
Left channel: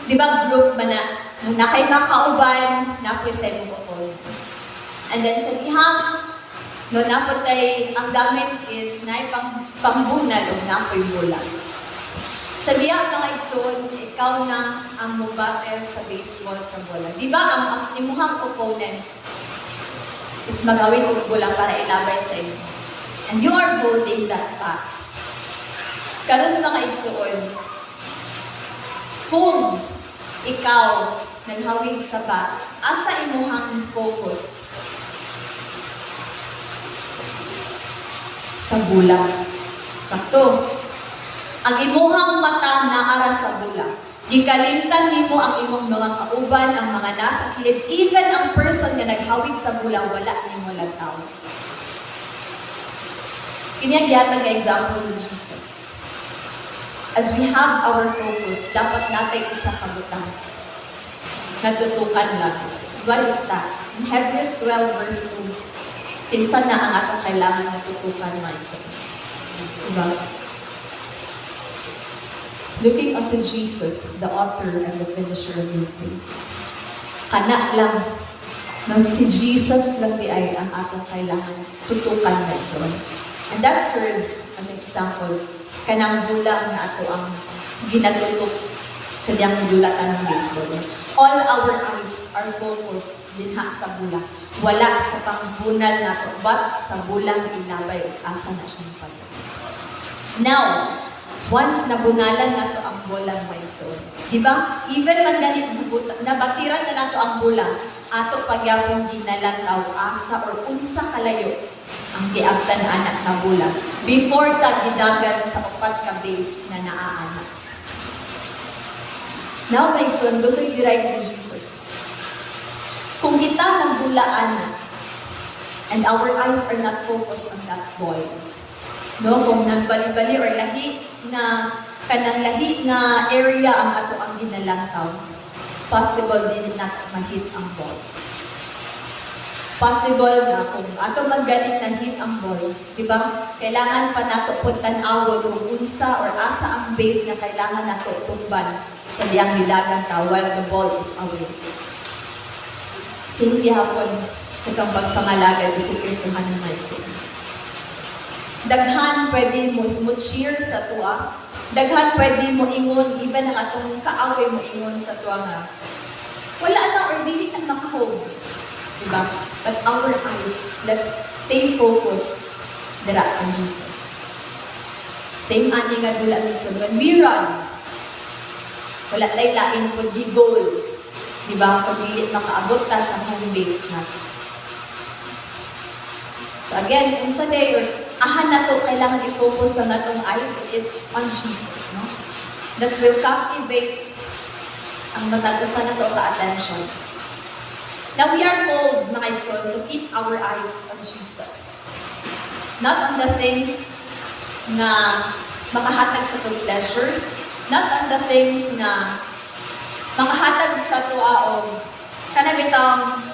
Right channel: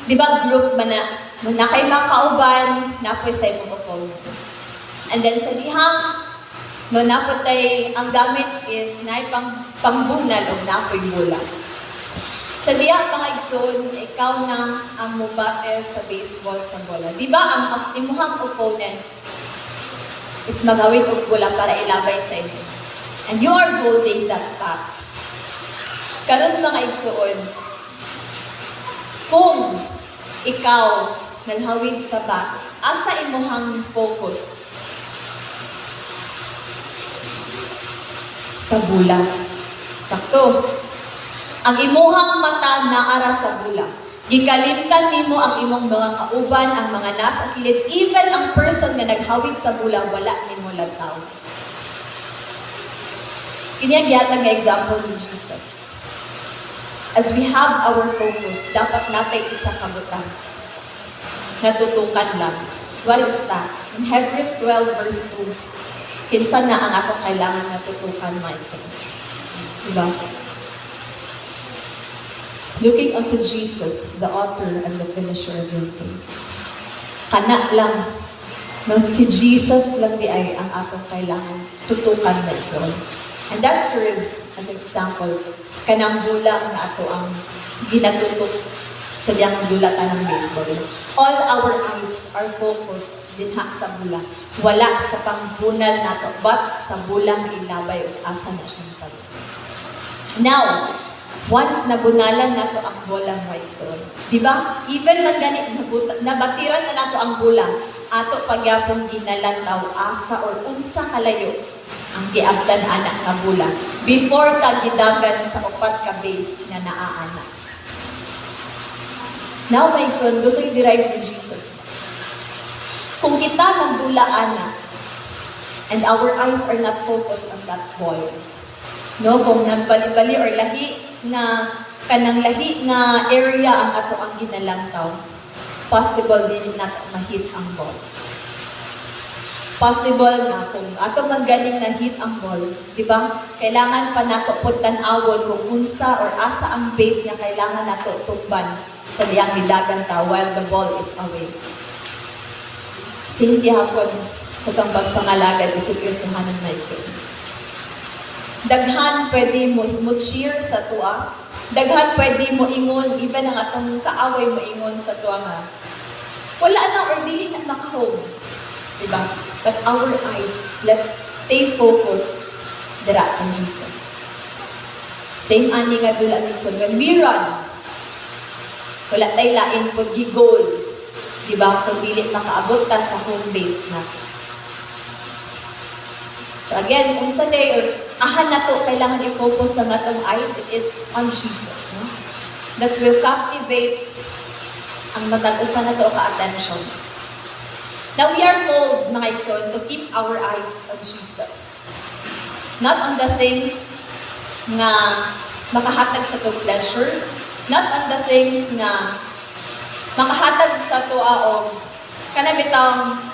Diba group man na, nung nakay makauban, napoy sa imong opponent. And then sa dihang, no napatay, ang gamit is na pangbunal o napoy bola. Sa dihang mga igsoon, ikaw nang ang mubate sa baseball sa bola. Diba ang imuhang opponent is magawin og bola para ilabay sa imo. And you are holding that back. Karon mga igsoon, kung ikaw naghawig sa bat, asa imuhang focus? Sa bula. Sakto. Ang imuhang mata naara sa bula. Gikalimtan nimo ang imong mga kauban, ang mga nasa kilid, even ang person na naghawig sa bula, wala nimo lantaw. Kini ang gihatag nga example ni Jesus. As we have our focus, dapat natin isa kabutang. Natutukan lang. What is that? In Hebrews 12 verse 2, kinsa na ang atong kailangan natutukan mindset. Diba? Looking unto Jesus, the author and the finisher of your faith. Kana lang. No, si Jesus lang di ay ang atong kailangan tutukan mindset. And that serves as an example kanang bula na ato ang ginatutok sa diyang dulatan ng baseball. All our eyes are focused dinha sa bula. Wala sa pangbunal nato, but sa bulang ilabay o asa na siyang pag. Now, once nabunalan nato ang bolang Wilson, di ba? Even man ganit nabatiran na nato ang bulang, ato pagyapon ginalantaw asa or unsa kalayo ang giabtan anak na bulang before ta gidagan sa upat ka base na naaanak. Now, my son, gusto i-derive ni Jesus. Kung kita magdulaan na and our eyes are not focused on that ball, no, kung nagbali-bali or lahi na kanang lahi na area ang ato ang ginalantaw, possible din natin ma-hit ang ball. Possible na kung ato magaling na hit ang ball, di ba? Kailangan pa nato pagtan-awon kung unsa or asa ang base na kailangan nato tumban sa diyang gidagan ta while the ball is away. Same gihapon sa kambang pangalagad isip Kristohan ng Naisod. Daghan pwede mo cheer sa tuwa. Daghan pwede mo ingon, even ang atong kaaway mo ingon sa tuwa nga. Wala na or dili na makahome. Diba? But our eyes, let's stay focused dira on Jesus. Same ani nga dula minsan when we run, wala tayo lain pag gi-goal. Diba? Kung dili makaabot ta sa home base natin. So again, unsa day or ahan na to, kailangan i-focus sa natong eyes, it is on Jesus. No? That will captivate ang matatusan na to ka-attention. Now, we are told, mga igsoon, to keep our eyes on Jesus. Not on the things nga makahatag sa itong pleasure, not on the things nga makahatag sa tuaong kanabitang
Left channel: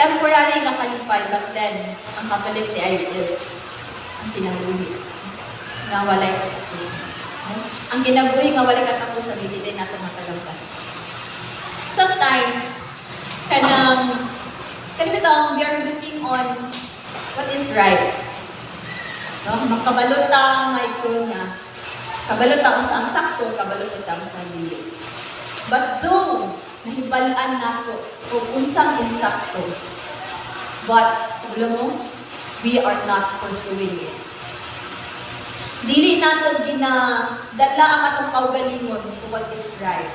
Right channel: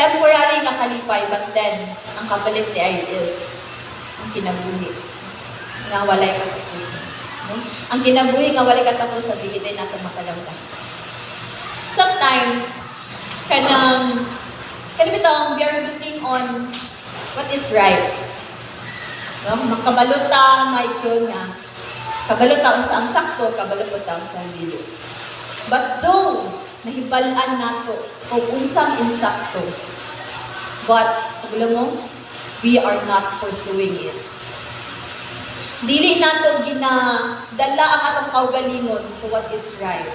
temporary nga kalipay, but then, ang kapalit ni ay is ang kinabuhi. Nga walay katapusan. Okay? Ang kinabuhi nga walay katapusan, bigitay natin makalawdan. Sometimes, kanang bitong, we are looking on what is right. No? Makabalot ta, maigsoon na. Kabalot ta sa ang sakto, kabalot ta sa dili. But though, nahibalaan nato o unsang insakto, but, alam mo, we are not pursuing it. Dili nato ginadala ang atong kaugalingon to what is right.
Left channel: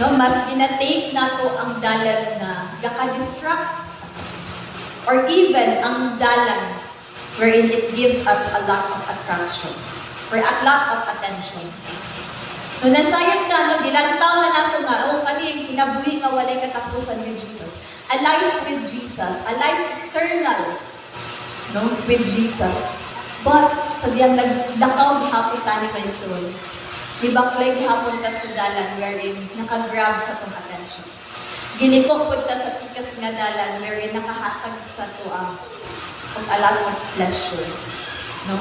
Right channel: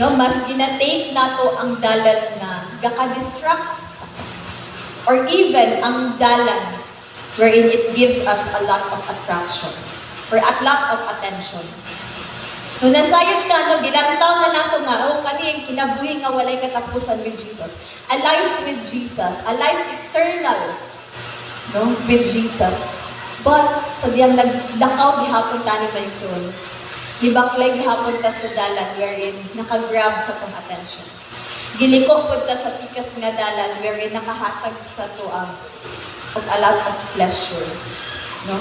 No, mas ginatake nato ang dalan na gaka-distract or even ang dalan wherein it gives us a lot of attraction or a lot of attention. No, nasayod ka, no, gilantaw na nato nga, kani kinabuhi nga walay katapusan with Jesus. A life with Jesus, a life eternal, no, with Jesus. But, sa diyang naglakaw gihapon tani may soul, gibaklay gihapon ta sa dalan wherein nakagrab sa tong attention. Giliko pud ta sa pikas nga dalan wherein nakahatag sa tuang og a lot of pleasure. No?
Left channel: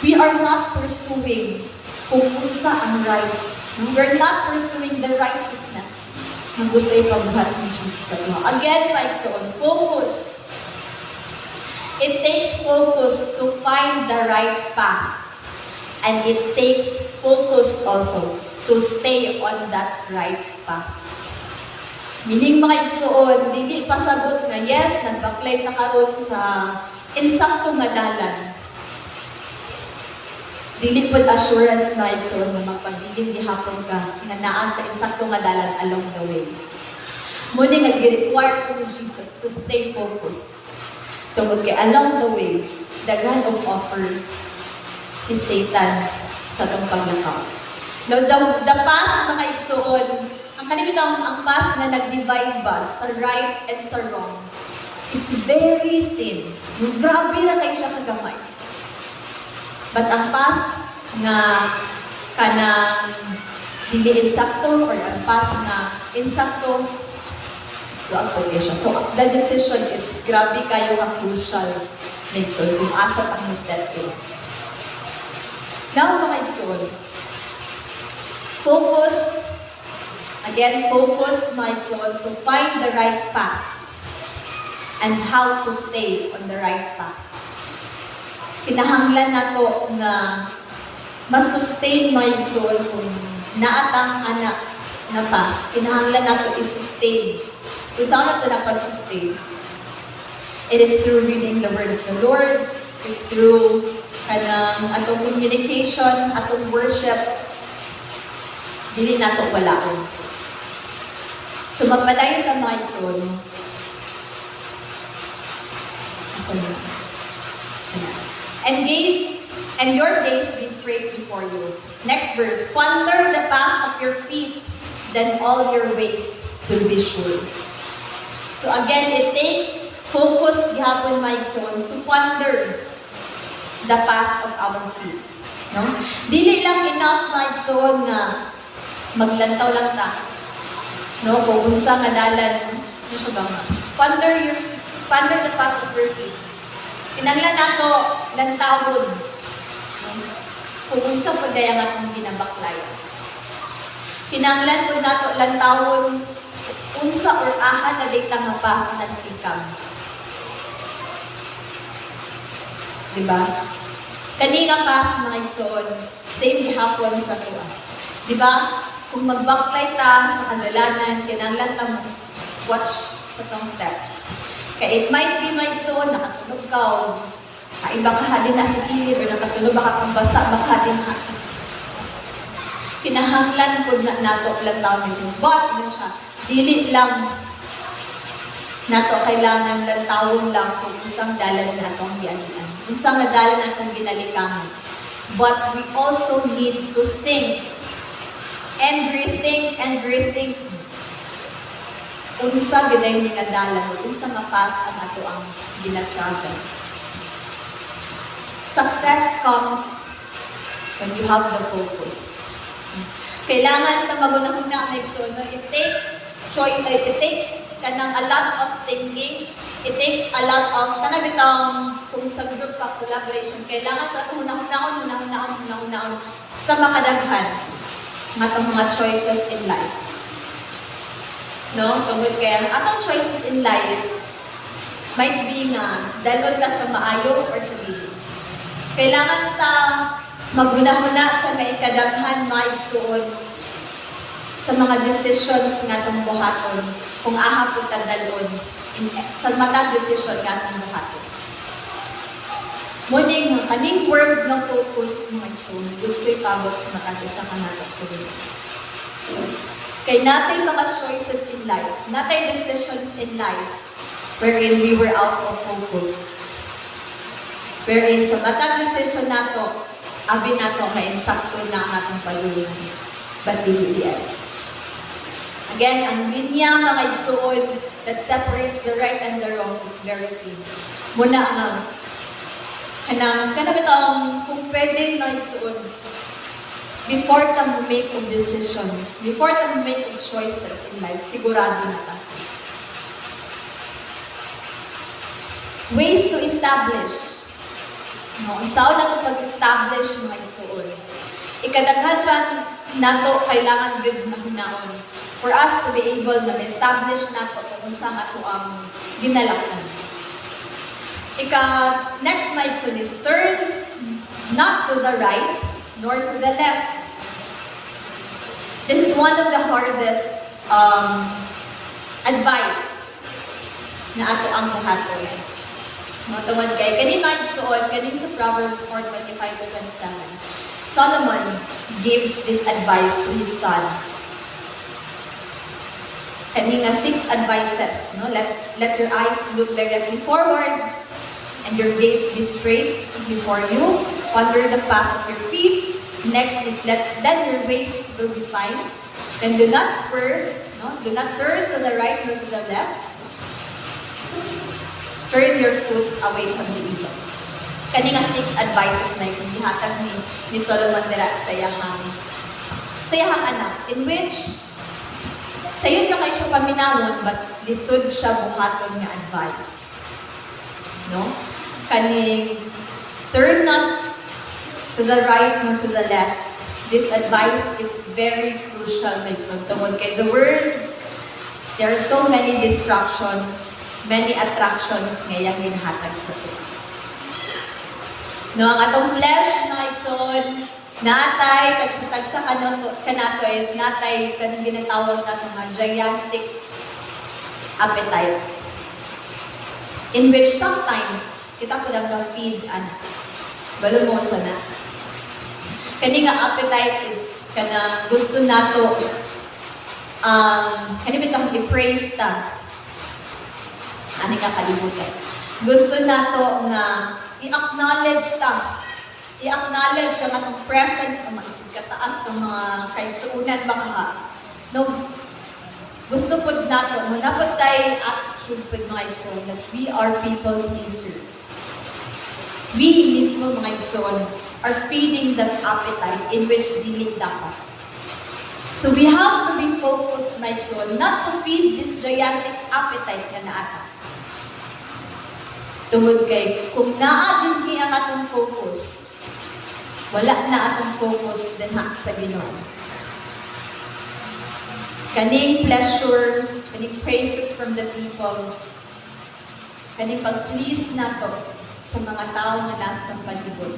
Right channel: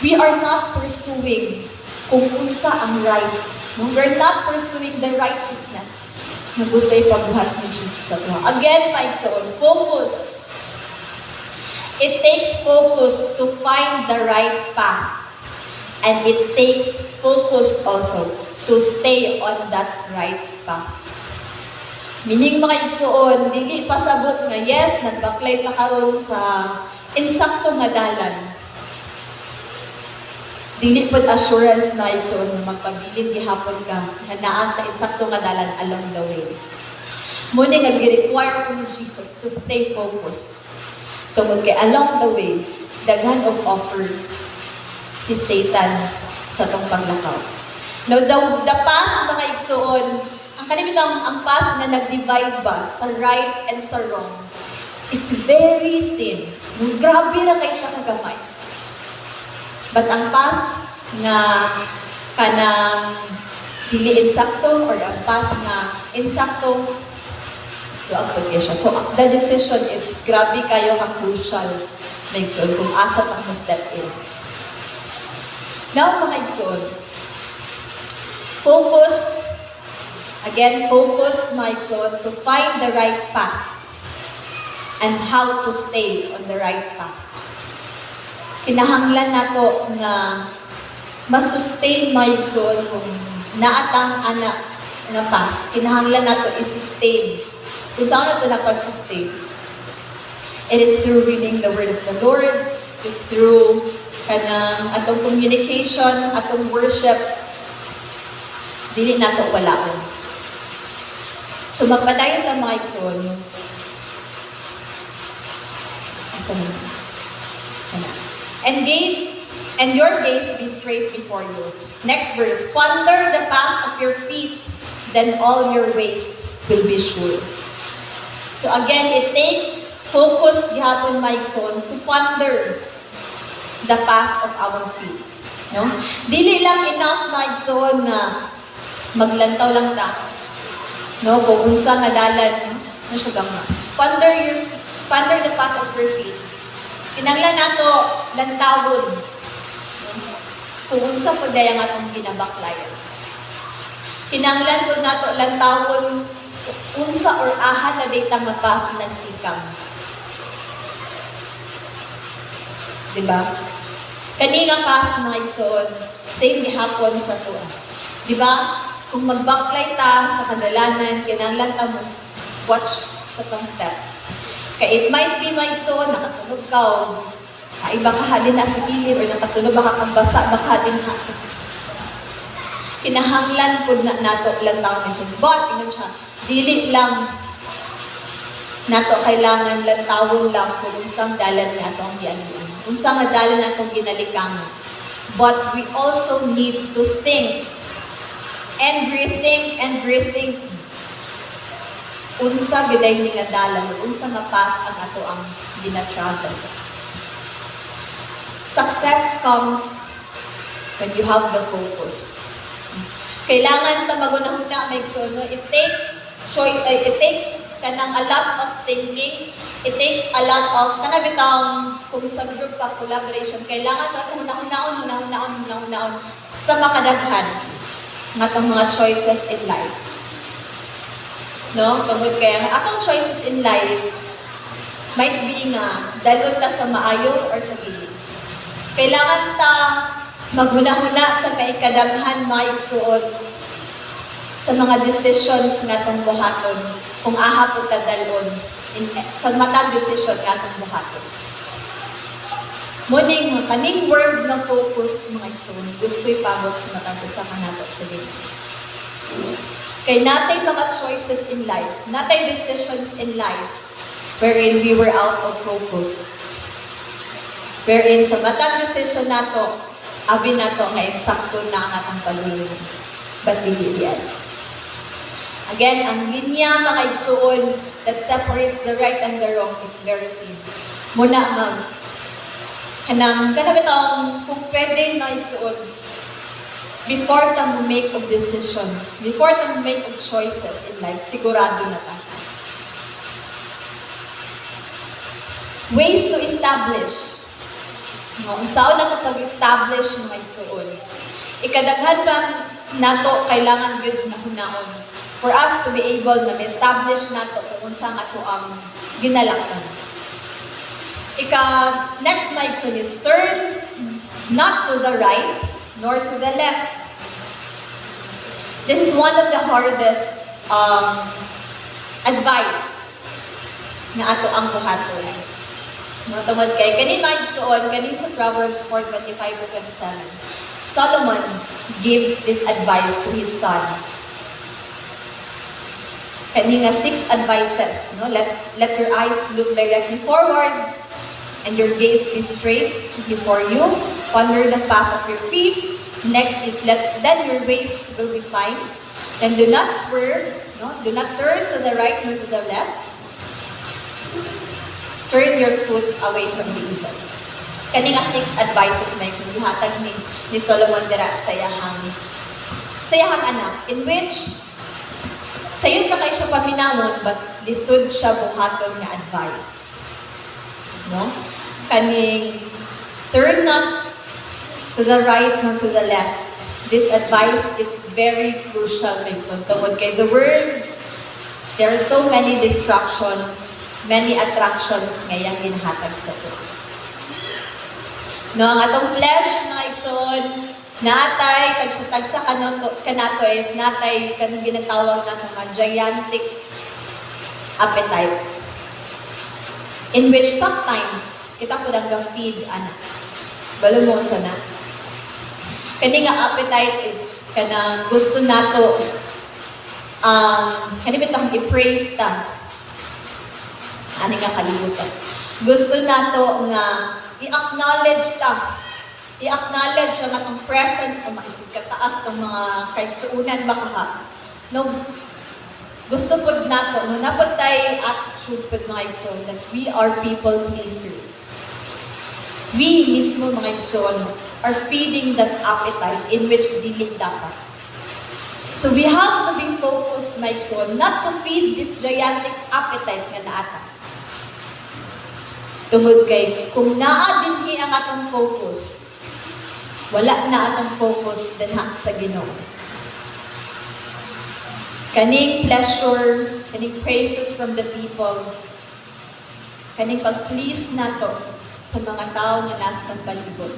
We are not pursuing kung unsa ang right. No? We're not pursuing the righteousness na gusto ipabuhat ni Jesus sa tuwa. Again, paigsoon, focus. It takes focus to find the right path. And it takes focus also to stay on that right path. Meaning mga igsoon, dili pasabot nga yes, nagbaklay ta karon sa insakto nga dalan. Dili pud assurance na igsoon nga magpabilin gihapon ka nga naa sa insakto nga dalan along the way. Muna nga gi-require ko ni Jesus to stay focused. Tungod kay along the way, daghan og offer si Satan sa tong paglakaw. Now, the path mga igsoon, ang kalimitang ang path na nag-divide ba sa right and sa wrong is very thin. Grabe ra kay siya kagamay. But ang path nga kanang dili insakto or ang path nga insakto, wag po siya. So, the decision is grabe kayo ka crucial na igsoon kung asa pa mo step in. Now, mga igsoon, focus, mga igsoon, to find the right path and how to stay on the right path. Kinahanglan nato na masustain mga igsoon kung naatang anak na path. Kinahanglan nato i-sustain. Kung saan nato na pag-sustain? It is through reading the Word of the Lord, it is through kanang atong communication, atong worship, dili nato walaon. So magpadayon ta mga igsoon. And your gaze be straight before you. Next verse, ponder the path of your feet, then all your ways will be sure. So again, it takes focus gihapon mga igsoon to ponder the path of our feet. No? Dili lang enough mga igsoon na maglantaw lang ta. No, kung unsa nga dalan, ano siya ba nga? Ponder the path of your feet. Kinanglan nato lantawon. Kung unsa po daya nga itong ginabaklayan. Kinanglan po nato lantawon unsa or aha na data nga path ng tikam. Diba? Kani nga path mga igsoon, same ni hapon sa tuwa. Diba? Kung magbaklay ta sa kadalanan, kinanglan ta mo watch sa tong steps. Kaya it might be mga igsoon, nakatunog ka o kaiba ka halin na sa gilid or nakatunog baka kang basa, baka din hasa. Kinahanglan po na nato lang tao ni sin. But, ingon siya, dili lang nato kailangan lang tawon lang kung unsang dalan nga atong gianian. Unsang nga dalan atong ginalikangan. But we also need to think and rethink unsa giday ni nga dalan, unsa nga path ang ato ang gina-travel. Success comes when you have the focus. Kailangan ta magunahuna may igsoon. It takes kanang a lot of thinking. It takes a lot of kanabitang kung sa group ka collaboration. Kailangan ta hunahunaon sa makadaghan matong mga choices in life. No? Tungod kaya atong choices in life might be nga dalon ta sa maayo or sa dili. Kailangan ta maghuna-huna sa maikadaghan mga igsuon sa mga decisions nga itong buhaton kung aha po ta dalon sa matang decision nga itong buhaton. Muning kaning word na focus mga igsuon gusto ipabot sa matang usa ka nato sa dili. Kay natay mga choices in life, natay decisions in life wherein we were out of focus. Wherein sa matang decision nato, abi nato nga insakto na ang atong palihim. But dili diyan. Again, ang linya mga igsuon that separates the right and the wrong is very thin. Muna nga, kanang bitang kung pwede na igsuon, before ta make of decisions, before ta make of choices in life, sigurado na ta. Ways to establish. No, unsaon nato pag-establish mga igsoon. Ikadaghan pa nato kailangan gyud na hunaon for us to be able na ma-establish nato kung unsa nga ato ang ginalakon. Next mga igsoon is turn not to the right nor to the left. This is one of the hardest advice na ato ang buhaton. Tungod kay kanin maigsuon kanin sa Proverbs 4:25-27. Solomon gives this advice to his son. Kani nga 6 advices, no? Let your eyes look directly forward and your gaze be straight before you. Ponder the path of your feet. Next is then your ways will be fine. Then do not swerve, no? Do not turn to the right nor to the left. Turn your foot away from the evil. Kani nga 6 advices may gihatag ni Solomon dira sa iyang anak, in which sayon ka kay siya paminawon but lisod siya buhaton nga advice. No? Kaning turn not to the right nor to the left. This advice is very crucial may tungod kay the world, there are so many distractions, many attractions ngayang ginahatag sa to. No, ang atong flesh, mga igsoon, naatay, tagsa kanato is natay kanang ginatawag na mga gigantic appetite. In which sometimes, kita ko lang feed anak. Balumon sana. Kani nga appetite is kanang gusto nato kani bitang i-praise ta. Ani nga kalibutan. Gusto nato nga i-acknowledge ta. I-acknowledge ang atong presence o maisip kataas ng mga kaigsuunan baka ka. No, gusto po nato, munapod tayo attitude po mga igsoon that we are people pleaser. We mismo mga igsoon are feeding that appetite in which dili dapat. So we have to be focused mga igsoon not to feed this gigantic appetite nga naata. Tungod kay, kung naa dinhi ang atong focus, wala na atong focus dinha sa Ginoo. Kaning pleasure, kaning praises from the people, kaning pag-please nato sa mga tao nga nasa ng palibot.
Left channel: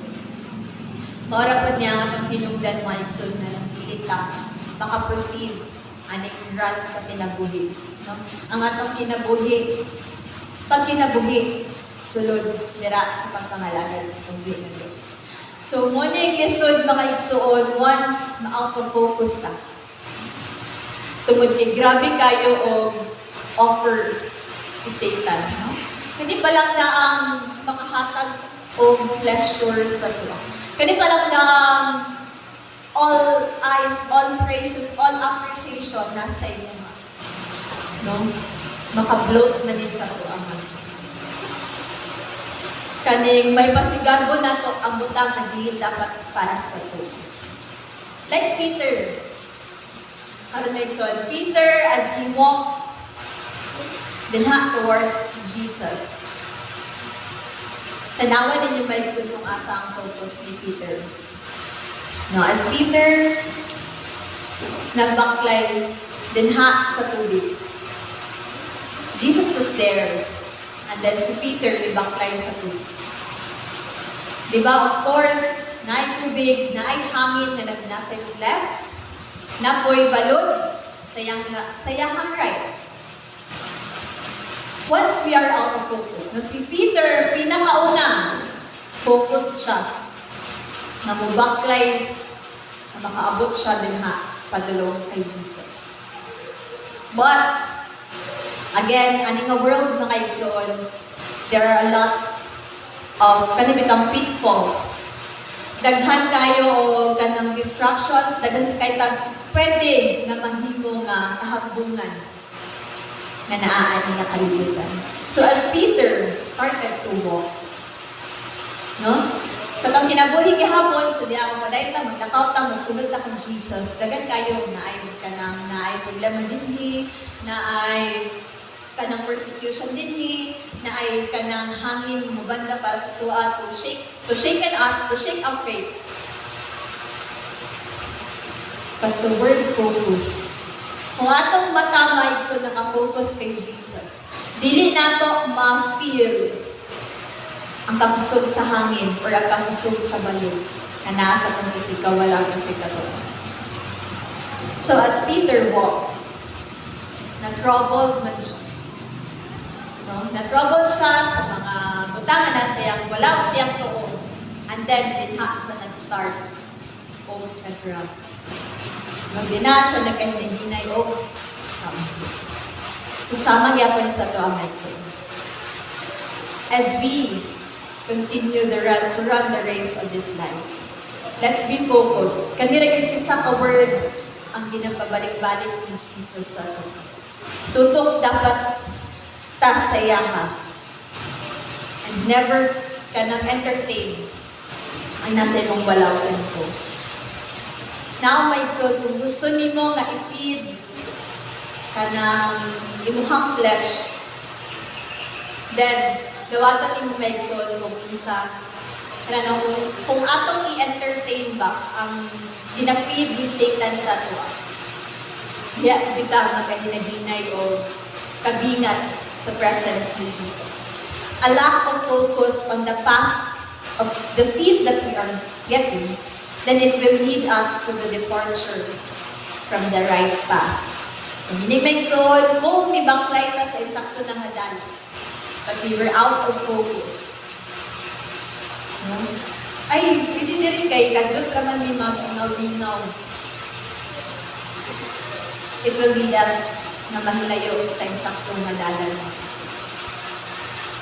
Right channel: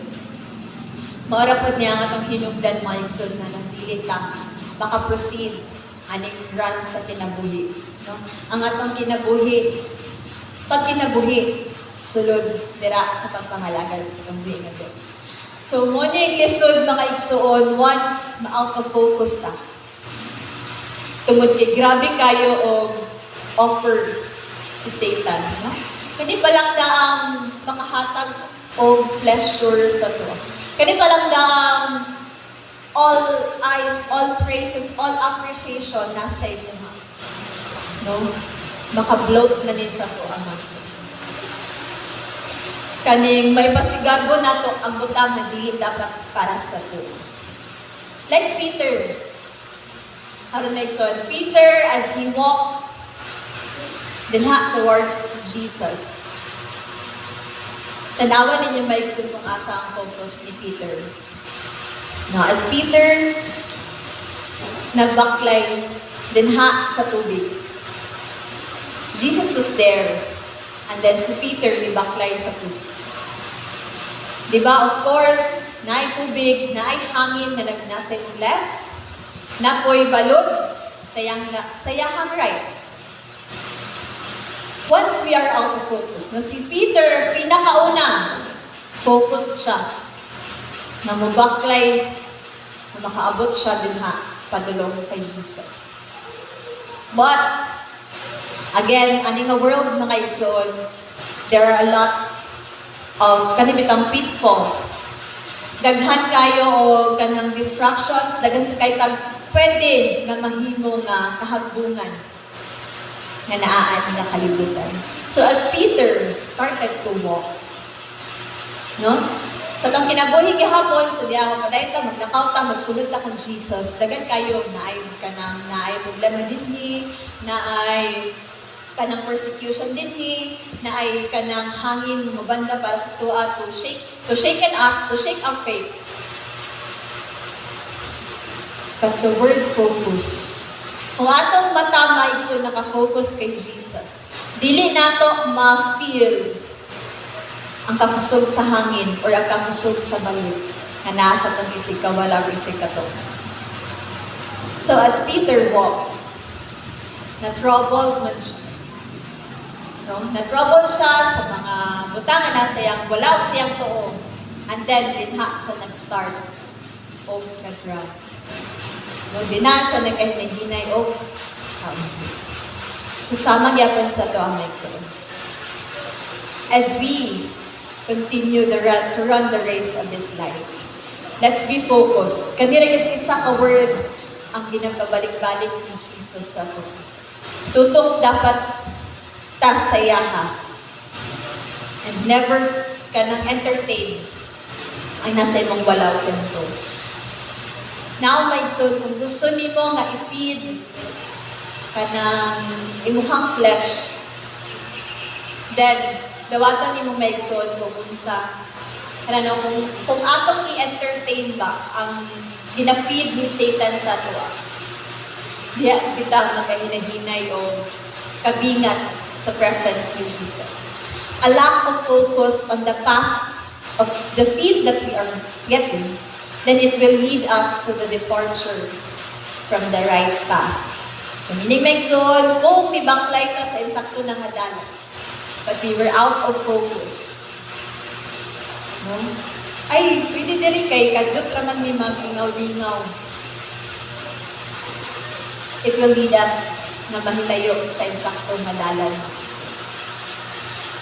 Maura po niya ang atong hinungdan mga igsoon na lang dili ta maka-proceed aning run sa kinabuhi. No? Ang atong kinabuhi, pag kinabuhi, sulod dira sa pagpangalagad sa pambuhi ng Diyos. So, muna yung lisod mga igsoon once ma-out of focus ta. Tungod kay grabe kayo o offer si Satan. No? Kani pa lang na ang makahatag o pleasure sa tuwa. Kani pa lang na ang all eyes, all praises, all appreciation nasa inyo. No? Maka-bloat na din sa tuwa. Kaning may pasigago nato ang butang na dili dapat para sa to. Like Peter. Peter, as he walked dinha towards to Jesus. Tanawan ninyo maigsoon kung asa ang focus ni Peter. No, as Peter nagbaklay dinha sa tubig. Jesus was there. And then si Peter nibaklay sa tubig. Diba, of course, naay tubig, naay hangin na nagnasa yung left, napoy balod, sayahang right. Once we are out of focus, no, si Peter, pinakauna, focus siya. Na mabaklay, na makaabot siya din padulong kay Jesus. But, again, aning a world mga igsoon, there are a lot of kanibitang pitfalls. Daghan kayo o kanang distractions, daghan kayo pwede nga mahimo nga kahagbungan nga naaan nga kalibutan. So as Peter started to walk, no? Sa tang kinabuhi gihapon, so di ako paday ta maglakaw ta magsulod ta kang Jesus. Daghan kayo naay problema dinhi, naay kanang persecution dinhi, na ay kanang hangin mubanda para sa tuwa to shake our faith. But the word focus. Kung atong mata maigso naka-focus kay Jesus, dili nato ma-feel ang kakusog sa hangin or ang kakusog sa balon na nasa tong isig ka, walang isig ka to. So as Peter walked, na-troubled man siya. No? Na-troubled siya sa mga butangan na siyang wala siyang tuo. And then, dinha siya nag-start o nag-drown. No? Dinha siya nagkahinay o susama gyapon sa to ang maigsoon. As we continue to run the race of this life, let's be focused. Kanira yung isa ka word ang ginapabalik-balik ni Jesus sa to. Tutok dapat tasayaha and never ka nang entertain ang nasa imong balaw sa ito. Now, maigsoon, kung gusto nimo nga i-feed ka ng imuhang flesh, then dawaton nimo maigsoon kung unsa kung atong i-entertain ba ang gina-feed ni Satan sa tuwa. Diya bitaw nagkahinay-hinay o kabingat sa presence ni Jesus. A lack of focus on the path of the feed that we are getting, then it will lead us to the departure from the right path. So, minig maigsoon, kung mibanglay ta sa insakto ng hadalan, but we were out of focus. No? Ay, pwede diri kay kadjot raman may mag-ingaw-ingaw. It will lead us na mahilayo sa insaktong hadalan.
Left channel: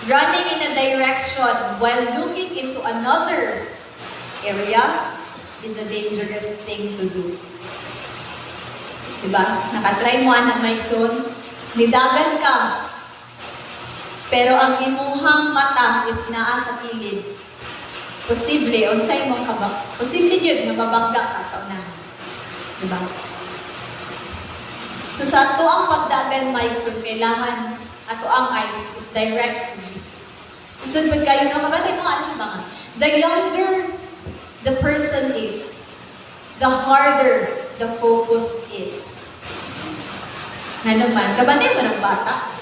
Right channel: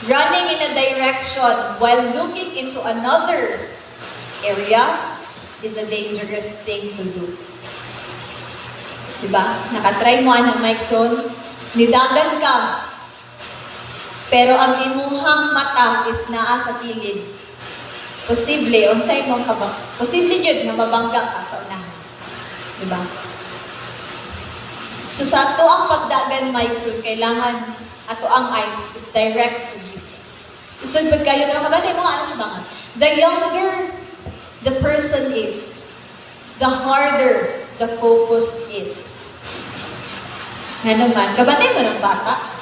Running in a direction while looking into another area is a dangerous thing to do. Diba? Nakatry mo ang maigsoon, nidagan ka, pero ang imuhang mata is naa sa kilid. Posible, unsay mong kabang, posible yun na mabangga ka sa unahan. Diba? So sa ato ang pagdagan maigsoon, kailangan ato ang eyes is direct to Jesus. Isod ba kayo na kabatay mo ano siya mga? The younger the person is, the harder the focus is. Nga naman, kabatay mo ng bata.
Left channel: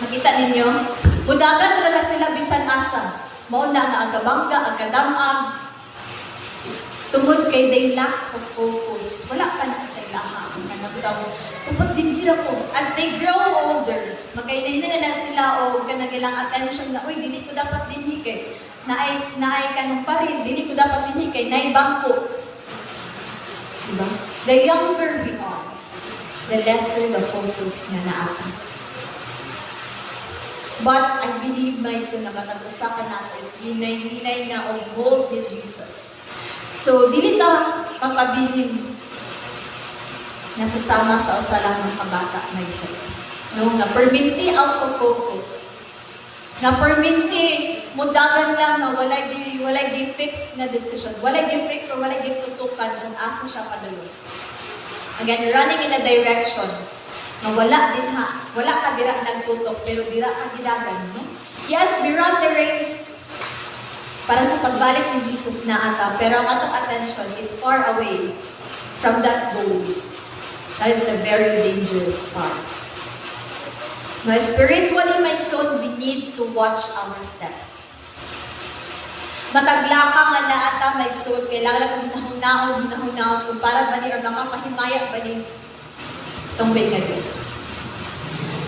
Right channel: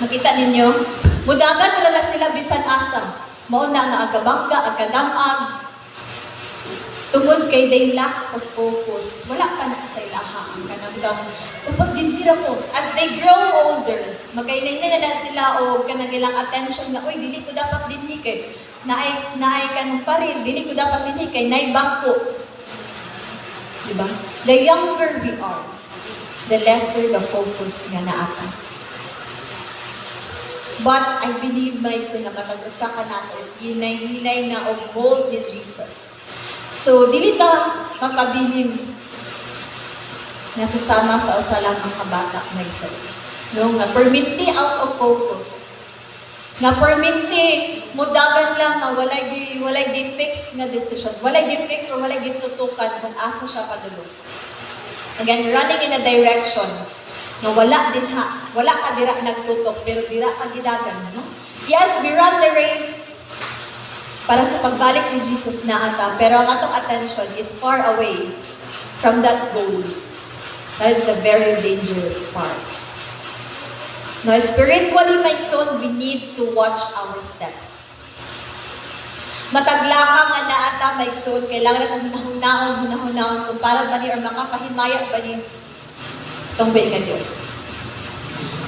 Makita ninyo, mudagan na sila bisan asa. Mauna nga agabangga, agadamag. Tungod kay they lack of focus. Wala pa na sa ilaha ang kanagdam. Upag dinhira ko, as they grow older, magaynay na sila o kanagilang attention na, uy, dili ko dapat dinhi kay naay kanong parin, dili ko dapat dinhi kay naay bangko. Diba? The younger we are, the lesser the focus nga naata. But I believe na iso na matag-usakan nato is hinay-hinay na o mold ni Jesus. So, dili ta makabilin na susama sa usalang mga kabata na iso. No? Nga perminti out of focus. Nga perminti mudagan lang na walay di fix na decision. Walay di fix or walay di tutukan kung asa siya padulong. Again, running in a direction na wala ka dira nagtutok, pero dira ka gidagan, no? Yes, we run the race para sa pagbalik ni Jesus na ata, pero ang atong attention is far away from that goal. That is the very dangerous part. Now, spiritually, my son, we need to watch our steps. Mataglaka nga na ata, my son, kailangan na hunahunaon, kung para ba ni or makapahimaya ba ni tumbay nga Diyos.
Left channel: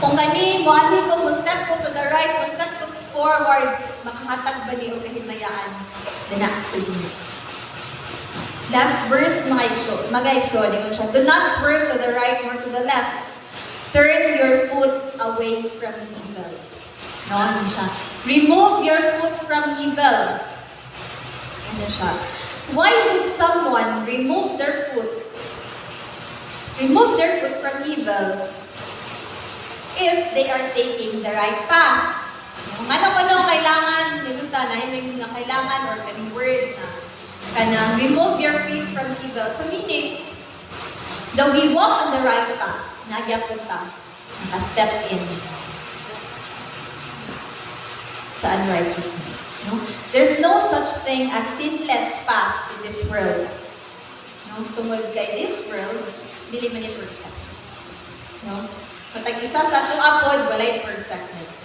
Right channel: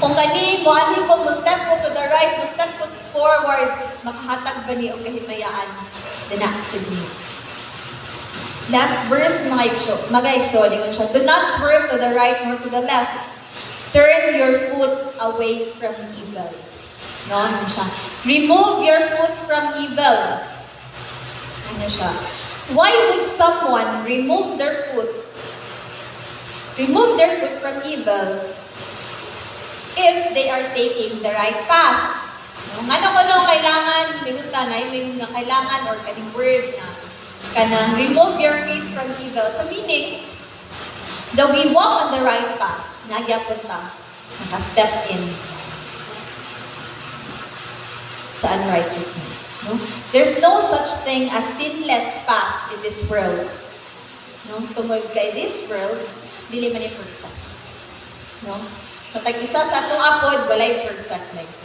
Kung gani, muanhin ko, step ko to the right, step ko forward, makahatag ba ni o kahimayaan na naaksili. Last verse, mga igso, do not swerve to the right nor to the left. Turn your foot away from evil. No, ano siya? Remove your foot from evil. Ano siya? Why would someone remove their foot from evil if they are taking the right path? Ano kailangan, may kailangan or kaning word na remove your feet from evil. So meaning, that we walk on the right path, nagyapon ta. naka-step in sa unrighteousness. No? There's no such thing as sinless path in this world. No? Tungod kay this world, dili man ni perfect. No? So, tag-isa sa atong apod, walay perfect next.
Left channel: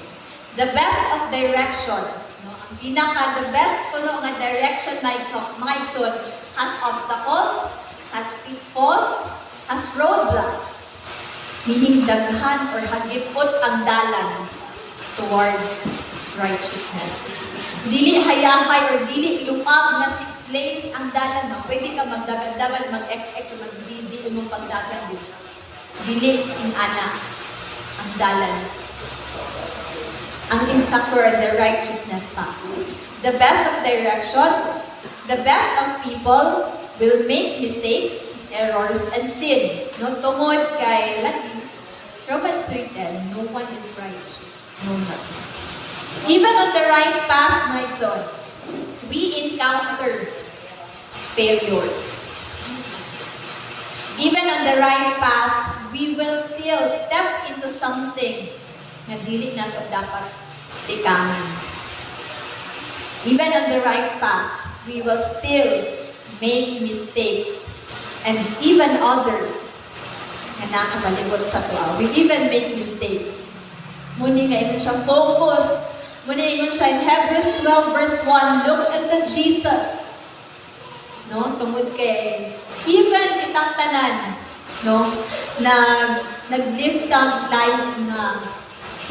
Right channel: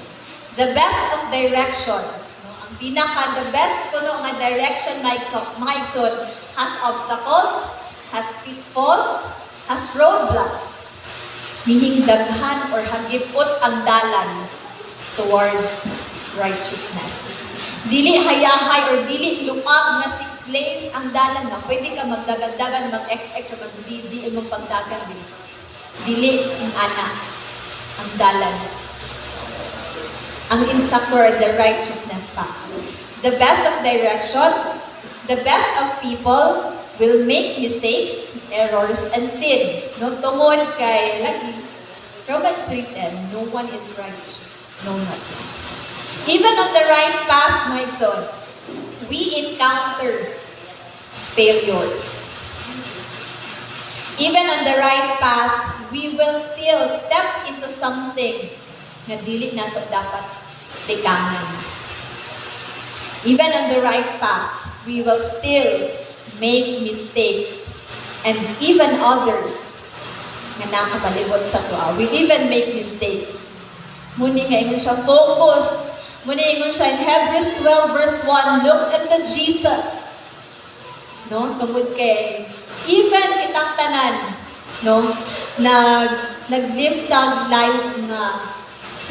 The best of directions, no? Ang pinaka, the best kuno nga direction mga igsoon, has obstacles, has pitfalls, has roadblocks. Meaning daghan or hagipot ang dalan towards righteousness. Dili hayahay or dili lumag na 6 lanes ang dalan na pwede ka magdagan-dagan, mag-XX or mag-ZZ o magpagdagan din. Dili inana ang dalan. Ang insecure, the righteousness path. The best of direction, the best of people will make mistakes, errors, and sin. No tungod kay lagi. Romans 3:10, no one is righteous. No one. Even on the right path, my son, we encounter failures. Even on the right path, we will still step into something na dili nato dapat tikahan. Even on the right path, we will still make mistakes and even others nga nakabalibot sa tuwa. We even make mistakes. Muni nga ingon siya, focus. Muni ingon siya in Hebrews 12 verse 1, look unto Jesus. No? Tungod kay, even kitang tanan, no? Nag-live tang life na,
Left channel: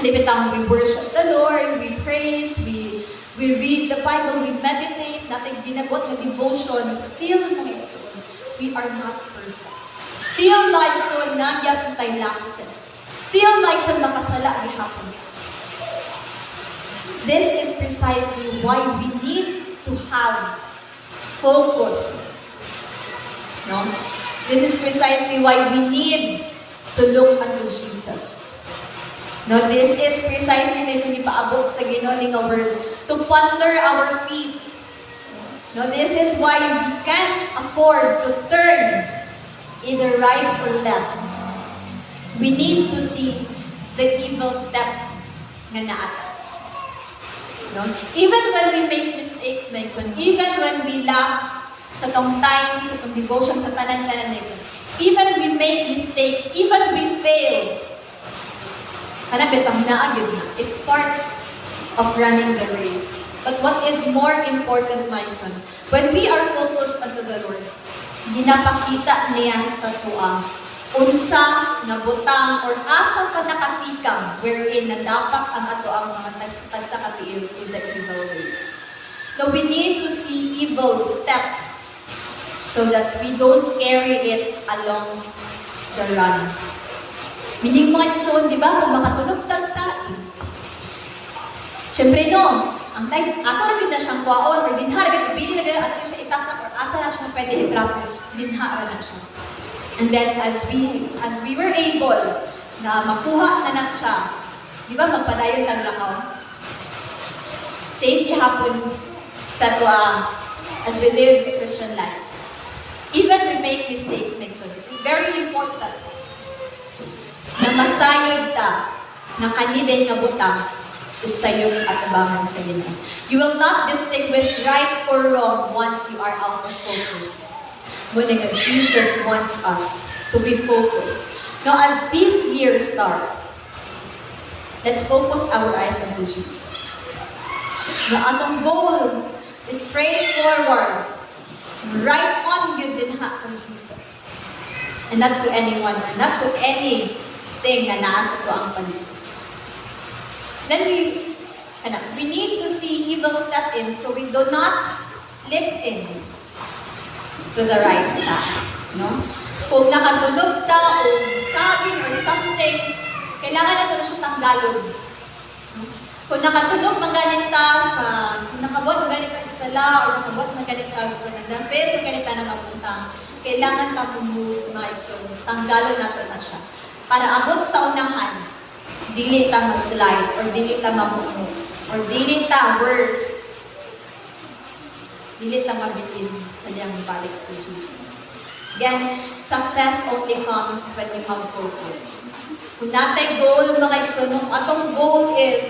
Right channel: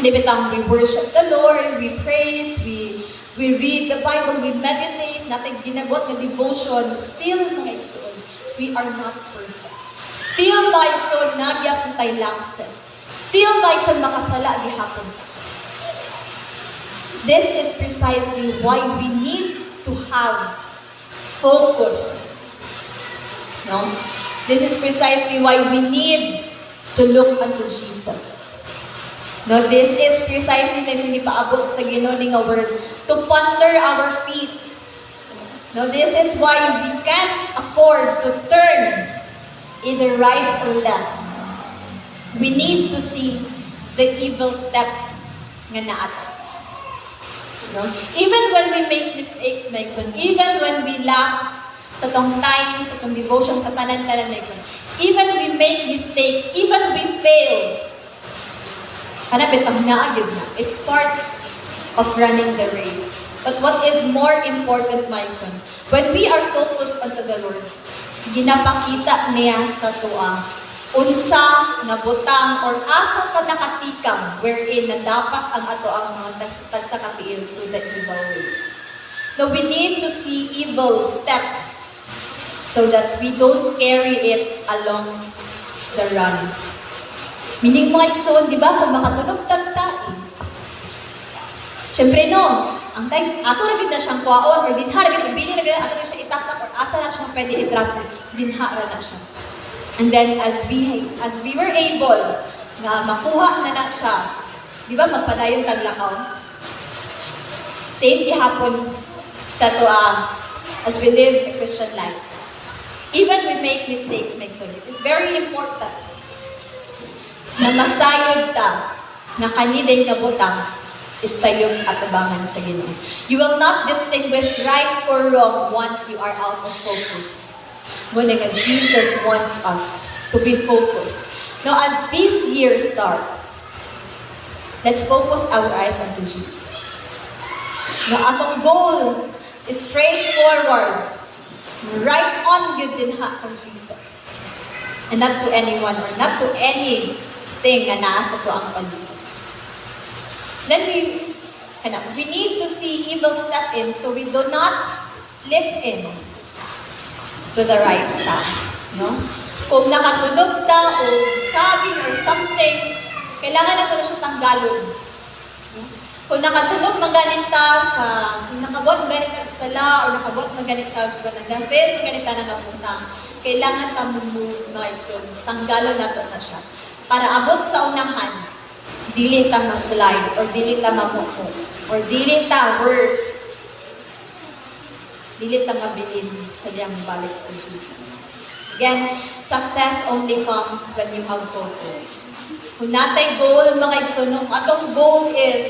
we worship the Lord, we praise, we read the Bible, we meditate, natin ginabot na devotion, still mga igsoon, we are not perfect. Still mga igsoon, nagyapon tayo lapses. Still mga igsoon, makasala, gihapon ka. This is precisely why we need to have focus. No? This is precisely why we need to look unto Jesus. No, this is precisely may sunipaabot sa Ginoo nga word to ponder our feet. No, this is why we can't afford to turn either right or left. We need to see the evil step nga naata. No? Even when we make mistakes, Mason, even when we lapse sa tong time, sa tong devotion, sa tanan-tanan, Mason, even we make mistakes, even we fail, hanapit ang naagid na. It's part of running the race. But what is more important, Mason, when we are focused unto the Lord, ginapakita niya sa tuwa unsa na butang or asa ka nakatikam wherein nadapak ang ato ang mga tagsa katiil to the evil ways. So we need to see evil step so that we don't carry it along the run. Meaning mga igsoon, di ba, kung makatunog tagtain, syempre no, ang time, ato na gid na siyang kuwaon or dinha na gid ibili na gid ato na siya itaktak or asa na siya pwede i-drop, dinha ra na siya. And then as we were able na makuha na siya, di ba magpadayon taglakaw? Same gihapon sa tuang as we live a Christian life. Even we make mistakes, it is very important na masayod ta na kaniday nga butang is sayod at abangan sa Ginoo. You will not distinguish right or wrong once you are out of focus. Muna nga, Jesus wants us to be focused. Now, as this year starts, let's focus our eyes on Jesus. Now, atong goal is straightforward. Right on yun din ha kang Jesus. And not to anyone or not to anything na nasa to ang paligid. Then we need to see evil step in so we do not slip in to the right path. No? Kung nakatunog ta o saging or something, kailangan na ito siya tanggalon. No? Kung nakatunog magalit ta sa, kung nakabot magalit ka isala o nakabot magalit ka nagdapit, magalit ka na napunta, kailangan ka move na iso, tanggalon na ito na siya. Para abot sa unahan, dili ta ma-slide or dili ta mapupo or dili ta worse, dili ta mabilin sa diyang balik sa Jesus. Again, success only comes when you have focus. Kung natay goal, mga igsoon, atong goal is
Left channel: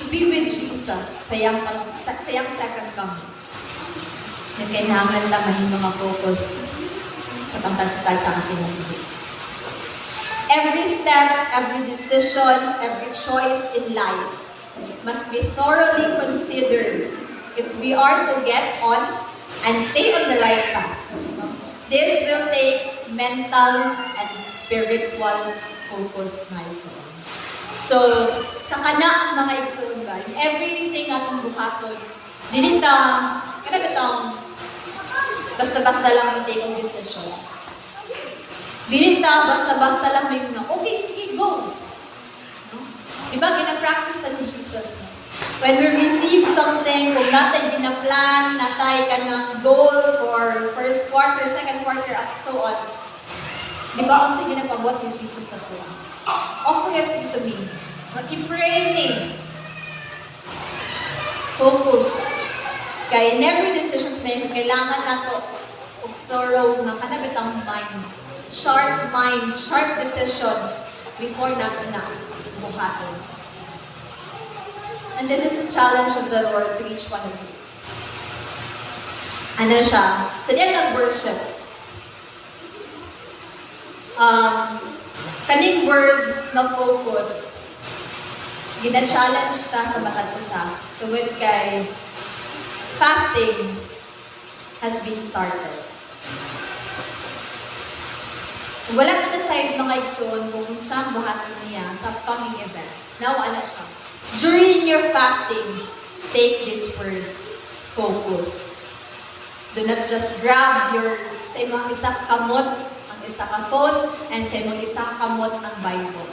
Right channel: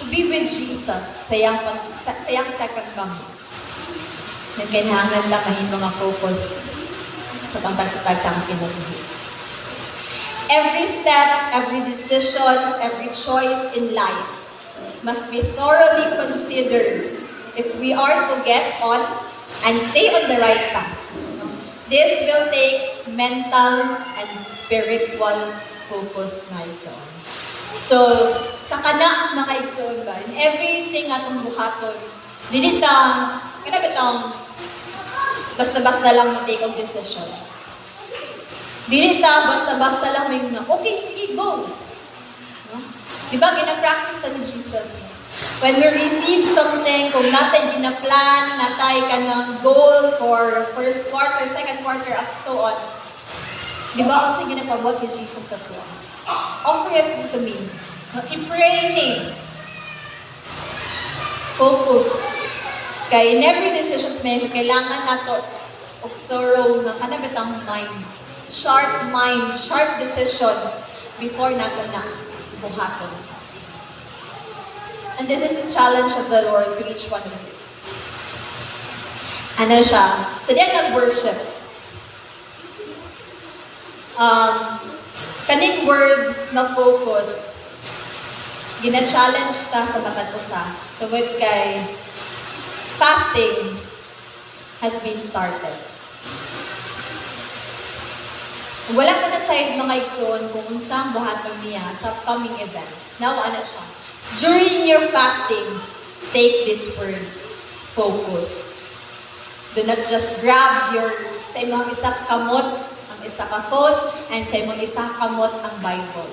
to be with Jesus sa iyang second coming. Nagkailangan lang mahin mga focus sa pangtagsutag sa aking kinabuhi. Every step, every decision, every choice in life must be thoroughly considered if we are to get on and stay on the right path. This will take mental and spiritual focus, my son. So, sa kana mga igsoon ba, in everything atong buhaton, dili ta kanabitang basta-basta lang mo take of decisions. Dili ta basta-basta lang may nga, okay, sige, go. No? Diba, gina-practice ta ni Jesus. No? When we receive something, kung natin ginaplan, natay ka ng goal for first quarter, second quarter, at so on, diba, also ginapabot ni Jesus sa tuwa. Offer it to me. I-pray ni. Focus. Kaya in every decisions may kailangan nato of thorough na kanabitang mind. Sharp mind, sharp decisions before nato na buhaton. And this is the challenge of the Lord to each one of you. Ano siya? Sa diyan nag-worship. Kaning word na focus, gina-challenge ta sa matag usa tungod kay fasting has been started. Wala ka na side mga igsoon kung unsang buhaton niya sa coming event. Now, ano siya? During your fasting, take this word, focus. Do not just grab sa imong isa kamot, ang isa ka phone, and sa imong isa kamot ang Bible.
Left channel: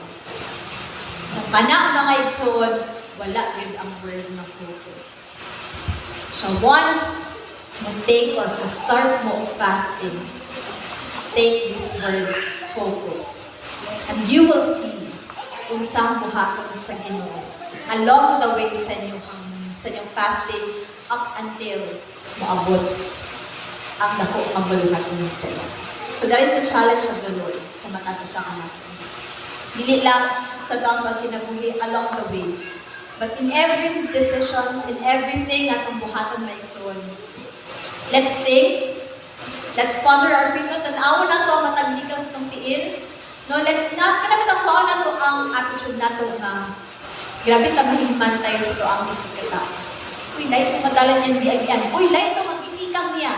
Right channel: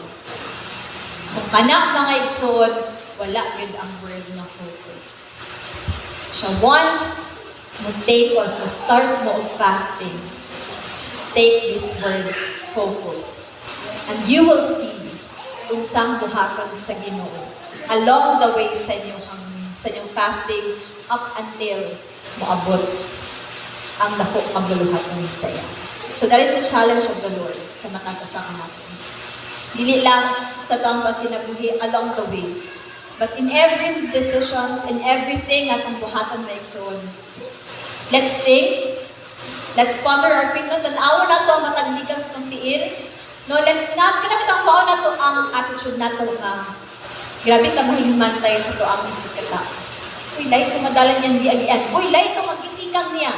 Kung kanak mga igsoon, wala yun ang word na focus. So once mo take or to start mo of fasting, take this word, focus. And you will see kung saan buhaton sa Ginoo along the way sa inyong fasting up until maabot ang dako kabuluhaton sa iya. So that is the challenge of the Lord sa matag usa ka natin. Dili lang sa tuang pagkinabuhi along the way, but in every decisions, in everything atong buhaton maigsoon. Let's think. Let's ponder our faith. Tanaw na to matagdikan sa itong tiil. No, let's not, kanabitang kuha na to ang attitude na to nga. Grabe ta mahimantay sa to ang isikata. Uy, lahat kong madalan yan di agian. Uy, lahat kong magitikang niya.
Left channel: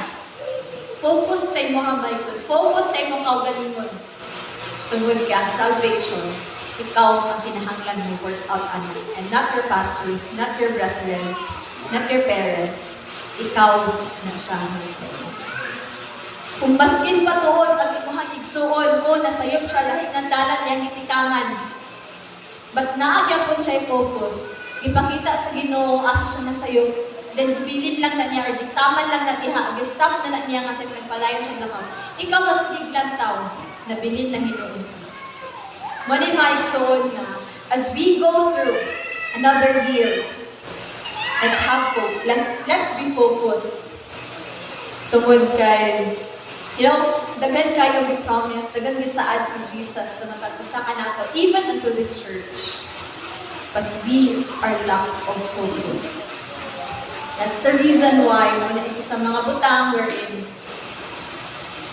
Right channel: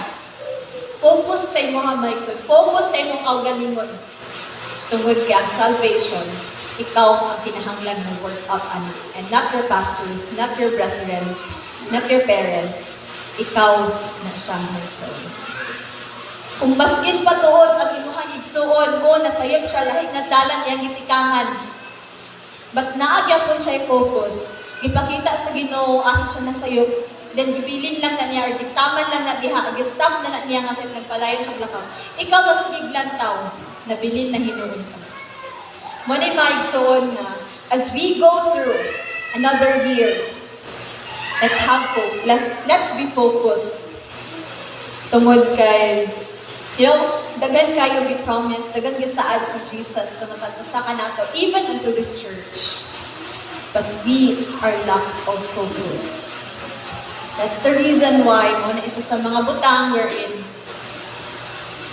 Focus sa imong maigsoon. Focus sa imong kaugalingon. Tungod ka, salvation. Ikaw ang kinahanglan mo work out anak. And not your pastors, not your brethren, not your parents. Ikaw na siya maigsoon. Kung baskin pa tuod ang imong igsuon mo nasayop siya lahi nga dalan iyang gitikangan. But naagya po siya focus. Ipakita sa Ginoo asa siya nasayop. Then gibilin lang na niya or diktaman lang na diha, gistam na niya nga sa nagpalayon siya lakaw. Ikaw mas giglantaw, nabilin na hinuon ka. Mo ni maigsuon na as we go through another year, let's have hope. Let's be focused. Tungod kay dagan kayo gi-promise, dagan gisaad si Jesus sa matag-usa ka nato, even into this church. But we are lack of focus. That's the reason why mo na isa sa mga butang wherein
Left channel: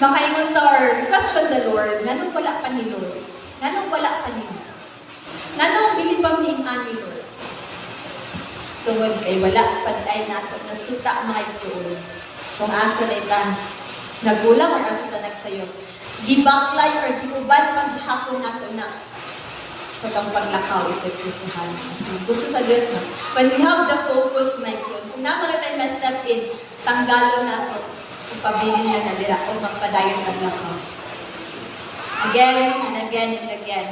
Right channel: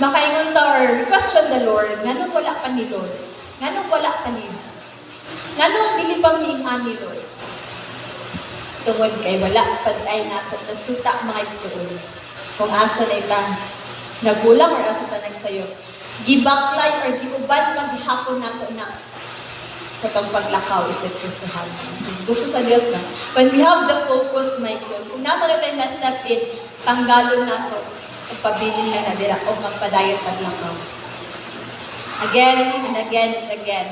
makaingon ta or question the Lord, nganong wala pa ni Lord? Nganong wala pa ni? Nganong dili pa ni Lord? Tungod kay wala pa tayo nato nasuta mga igsuon. Kung asa na ita nagulang or asa na nagsayo. Gibaklay or giuban paghihapon nato na sa itong paglakaw isip Kristohan. So, gusto sa Diyos mo. When we have the focused mindset, kung naman tayo ma-step in, tanggalon nato kung pabilin lang na dira o magpadayon paglakaw. Again and again and again.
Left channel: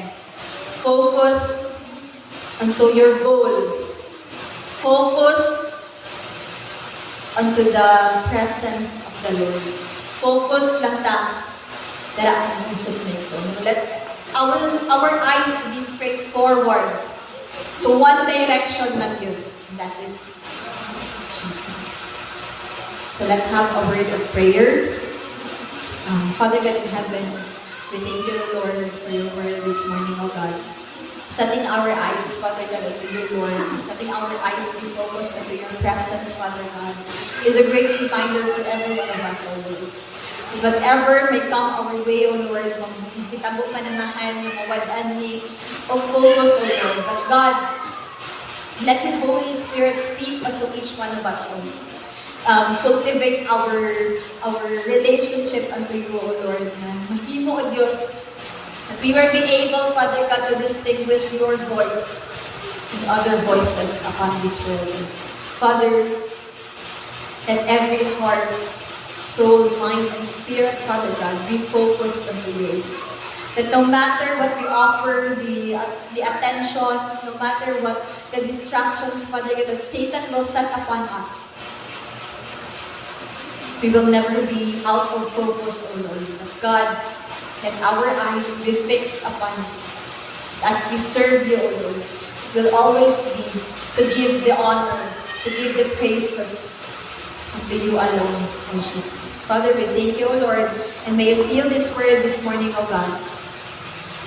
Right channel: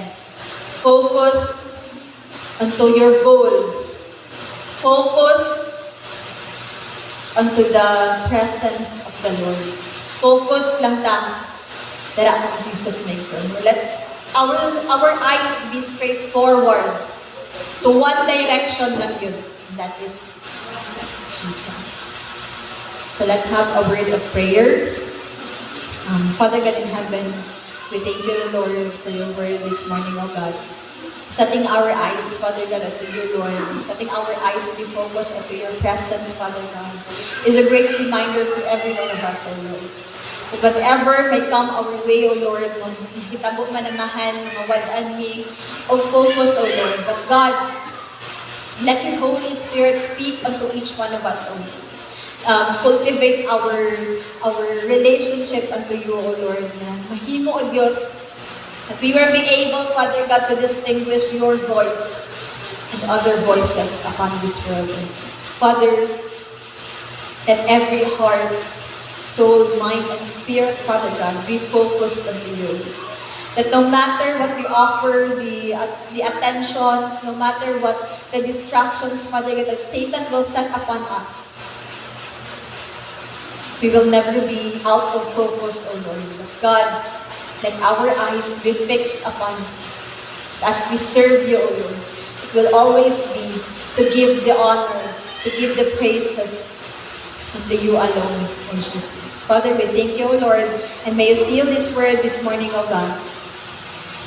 Focus onto your goal. Focus onto the presence of the Lord. Focus lang ta. Dara ang Jesus makes so. Let's our eyes be straight forward to one direction lang yun. That is Jesus. So let's have a word of prayer. Father God in heaven, We thank you, Lord, for your word this morning, O God. Setting our eyes, Father God, unto you, Lord. Setting our eyes to be focused unto your presence, Father God, is a great reminder for every one of us, O Lord. That whatever may come our way, O Lord, mahitabo manamahan, mawadaan ni, o focus, O Lord. But God, let your Holy Spirit speak unto each one of us, O Lord. Cultivate our relationship unto you, O Lord, na mahimo, O Diyos, that we will be able, Father God, to distinguish your voice and other voices upon this world. And Father, let every heart, soul, mind, and spirit, Father God, be focused unto you. That no matter what we offer, the attentions, no matter what the distractions, Father God, that Satan will set upon us, we will never be out of focus, O Lord. But God, let our eyes be fixed upon you. As we serve you, O Lord, it will always be to give the honor, to give the praises unto you alone, O Jesus. Father, we thank you, O Lord, and may you seal this word this morning, O God,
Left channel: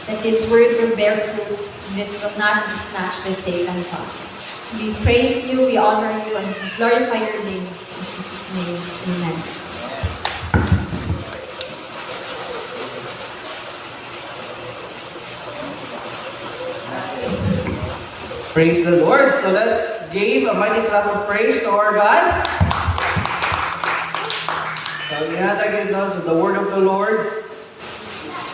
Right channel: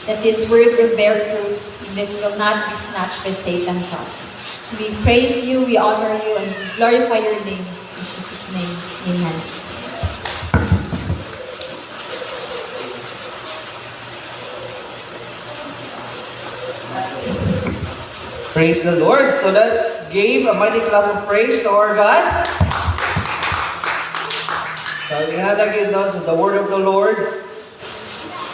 that this word will bear fruit, and this will not be snatched by Satan, God. We praise you, we honor you, and we glorify your name. In Jesus' name, amen. Praise the Lord. So let's give a mighty clap of praise to our God. So inadagin no, so the word of the Lord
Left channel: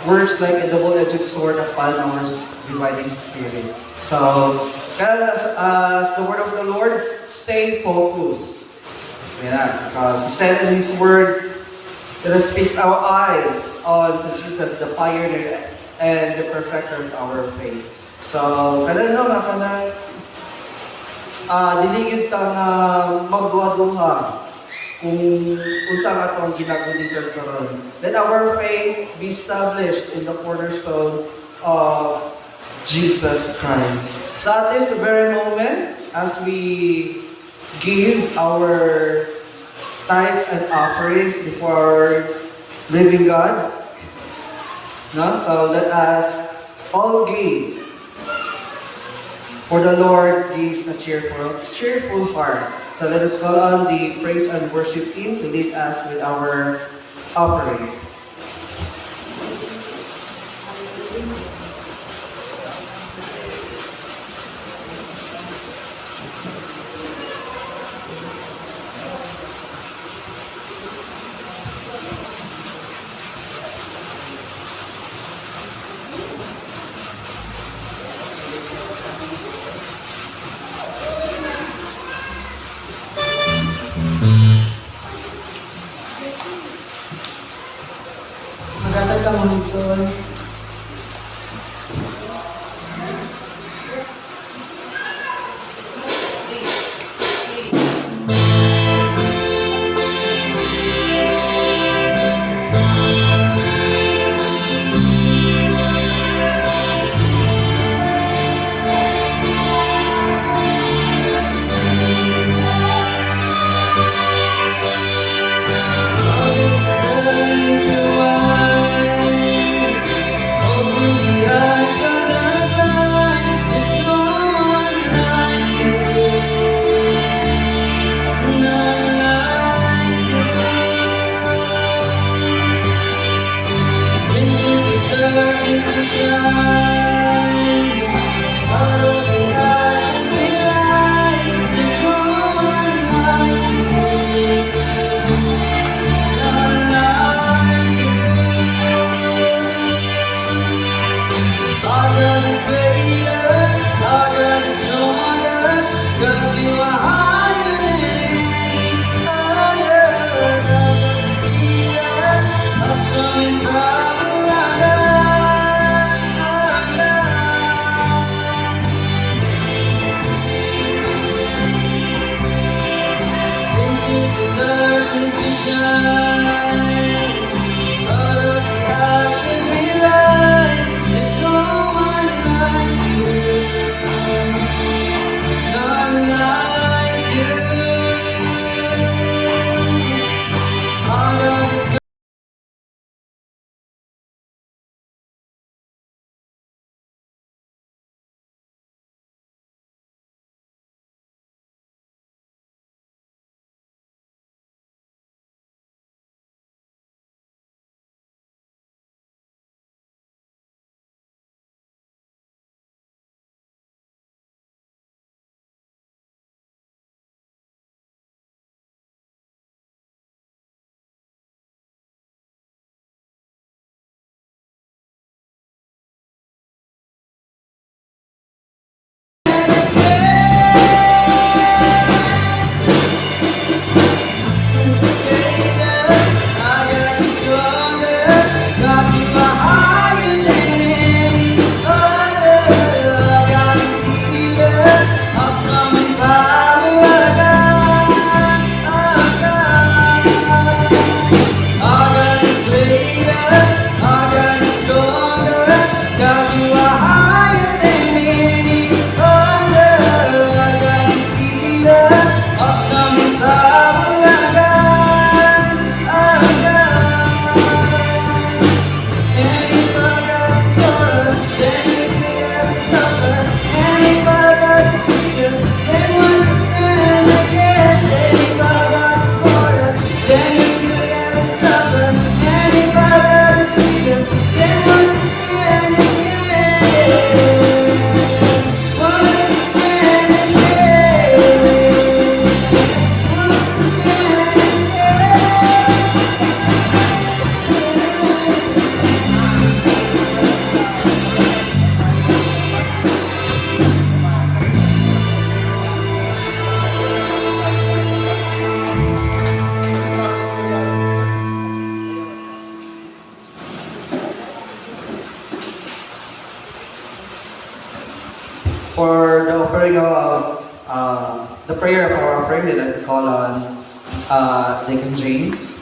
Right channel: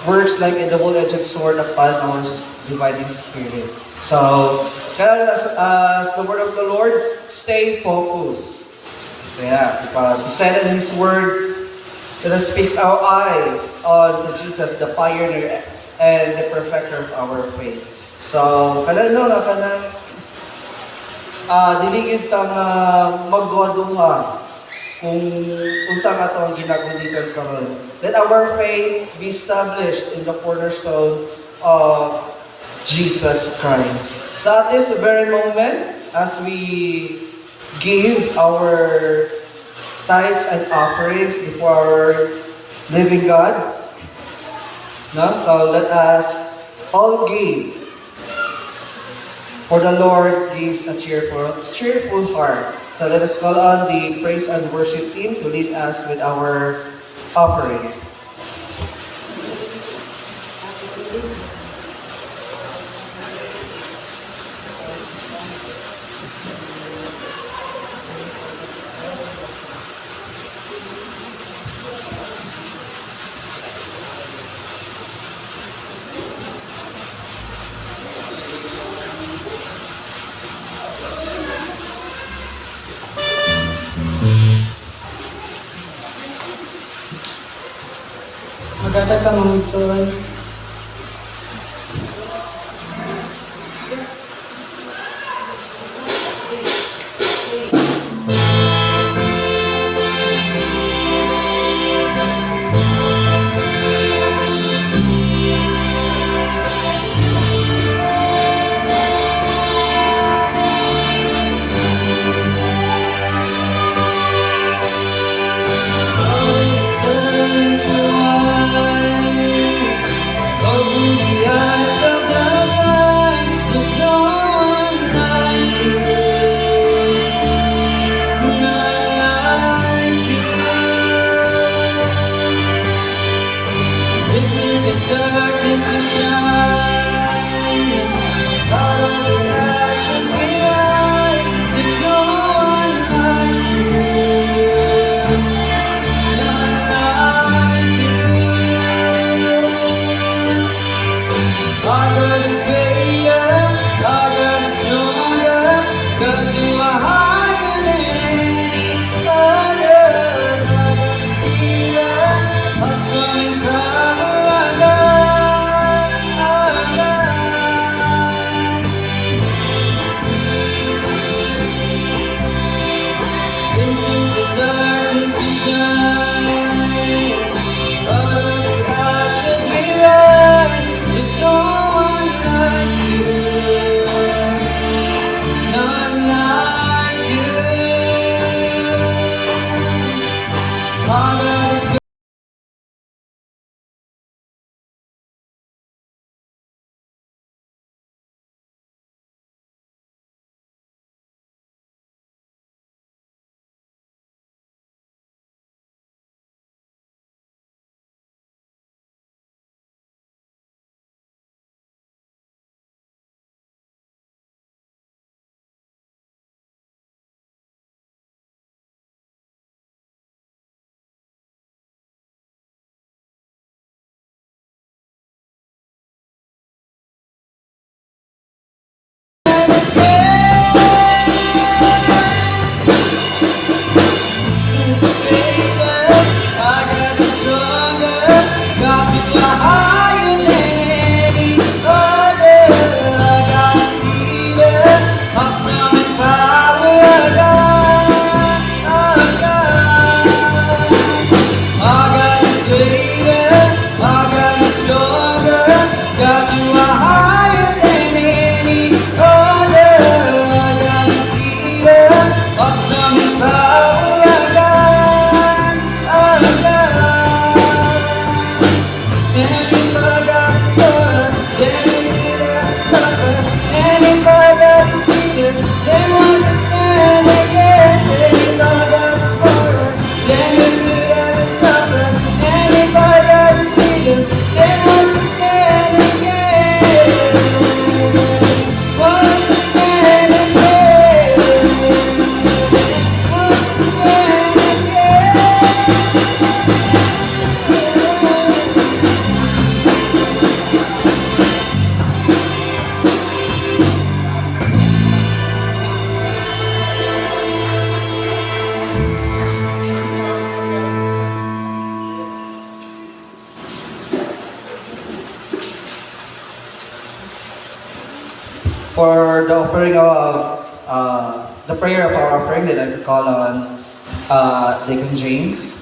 works like a double-edged sword upon our dividing spirit. So, as the word of the Lord, stay focused. Yeah, because He said in His word that it speaks our eyes on Jesus, the pioneer and the perfecter of our faith. So, kanang no, kanang diligid tang magduha-duha kung unsa nga atong ginagunitan karon. Let our faith be established in the cornerstone of Jesus Christ. So at this very moment, as we give our tithes and offerings before our living God, no? So let us all give. For the Lord gives a cheerful heart. So let us call on the praise and worship team to lead us with our offering. Maganda ka mga igsoon. Turn to wine. for the offering of the prayer of our offering that I call on Deacon James.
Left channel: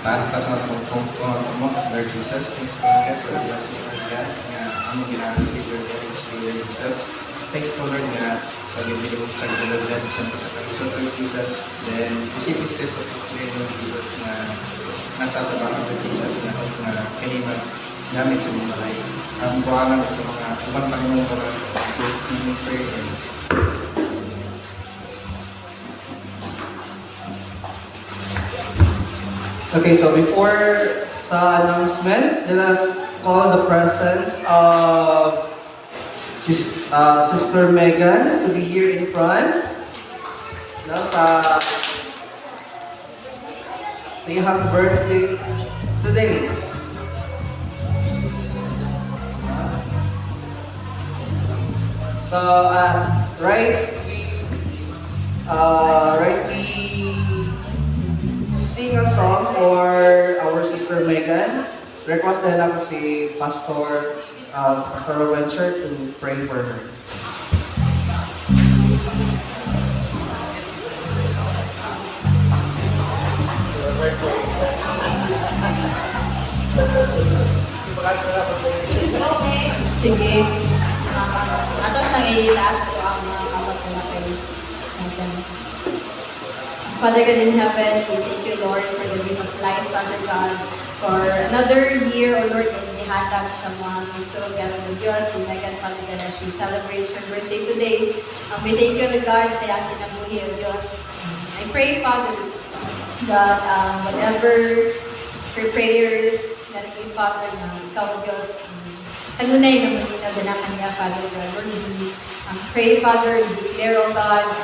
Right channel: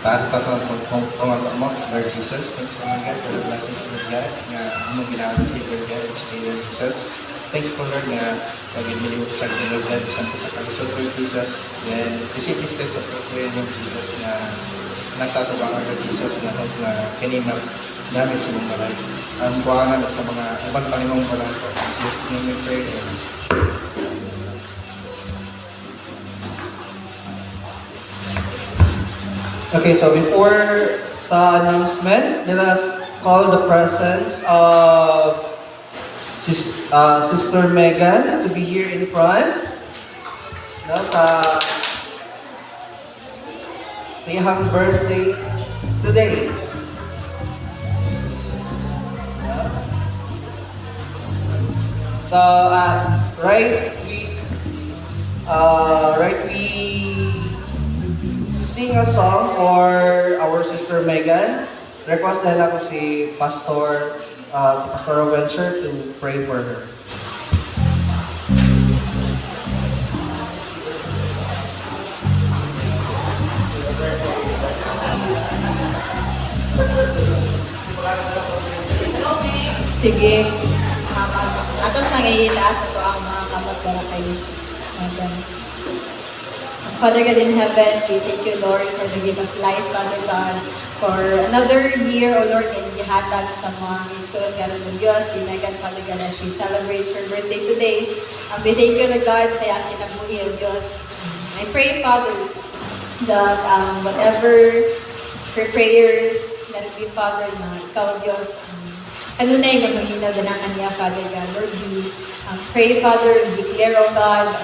Taas-taas ang pagpuntungan mo, Lord Jesus. Thanks po God for the blessings of God nga ano ginagawa si Lord God, which day, Lord Jesus. Thanks po Lord nga pag-ibili mo sa Lord God, isang sa kalisod, Lord Jesus. Then, receive this test of prayer, Lord Jesus, na nasa atabangan, Lord Jesus, na hope na kanimag namin sa mga malay. Ang buwangan sa mga ibang Panginoong Balang, Jesus, name we pray, Amen. Okay, so before sa announcement, let us call the presence of Sister Megan to be here in front. No, say happy birthday today. Yeah. So, right, we sing a song for our Sister Megan. Request na lang si Pastor Venture to pray for her. Sige. Atos nang itaas ko ang mga kamot na kay Megan. Father God in heaven, we thank you, Lord, for the gift of life, Father God, for another year, O Lord, and gihatag sa mga igsoon God ng Diyos, si Megan, Father God, as she celebrates her birthday today. We thank you, Lord God, sa iyang kinabuhi, O Diyos. I pray, Father, that whatever her prayers, that it be, Father, na ikaw, Diyos, kanunay na maghinaganakan niya, Father God. Lord, we pray, Father, and declare, O God,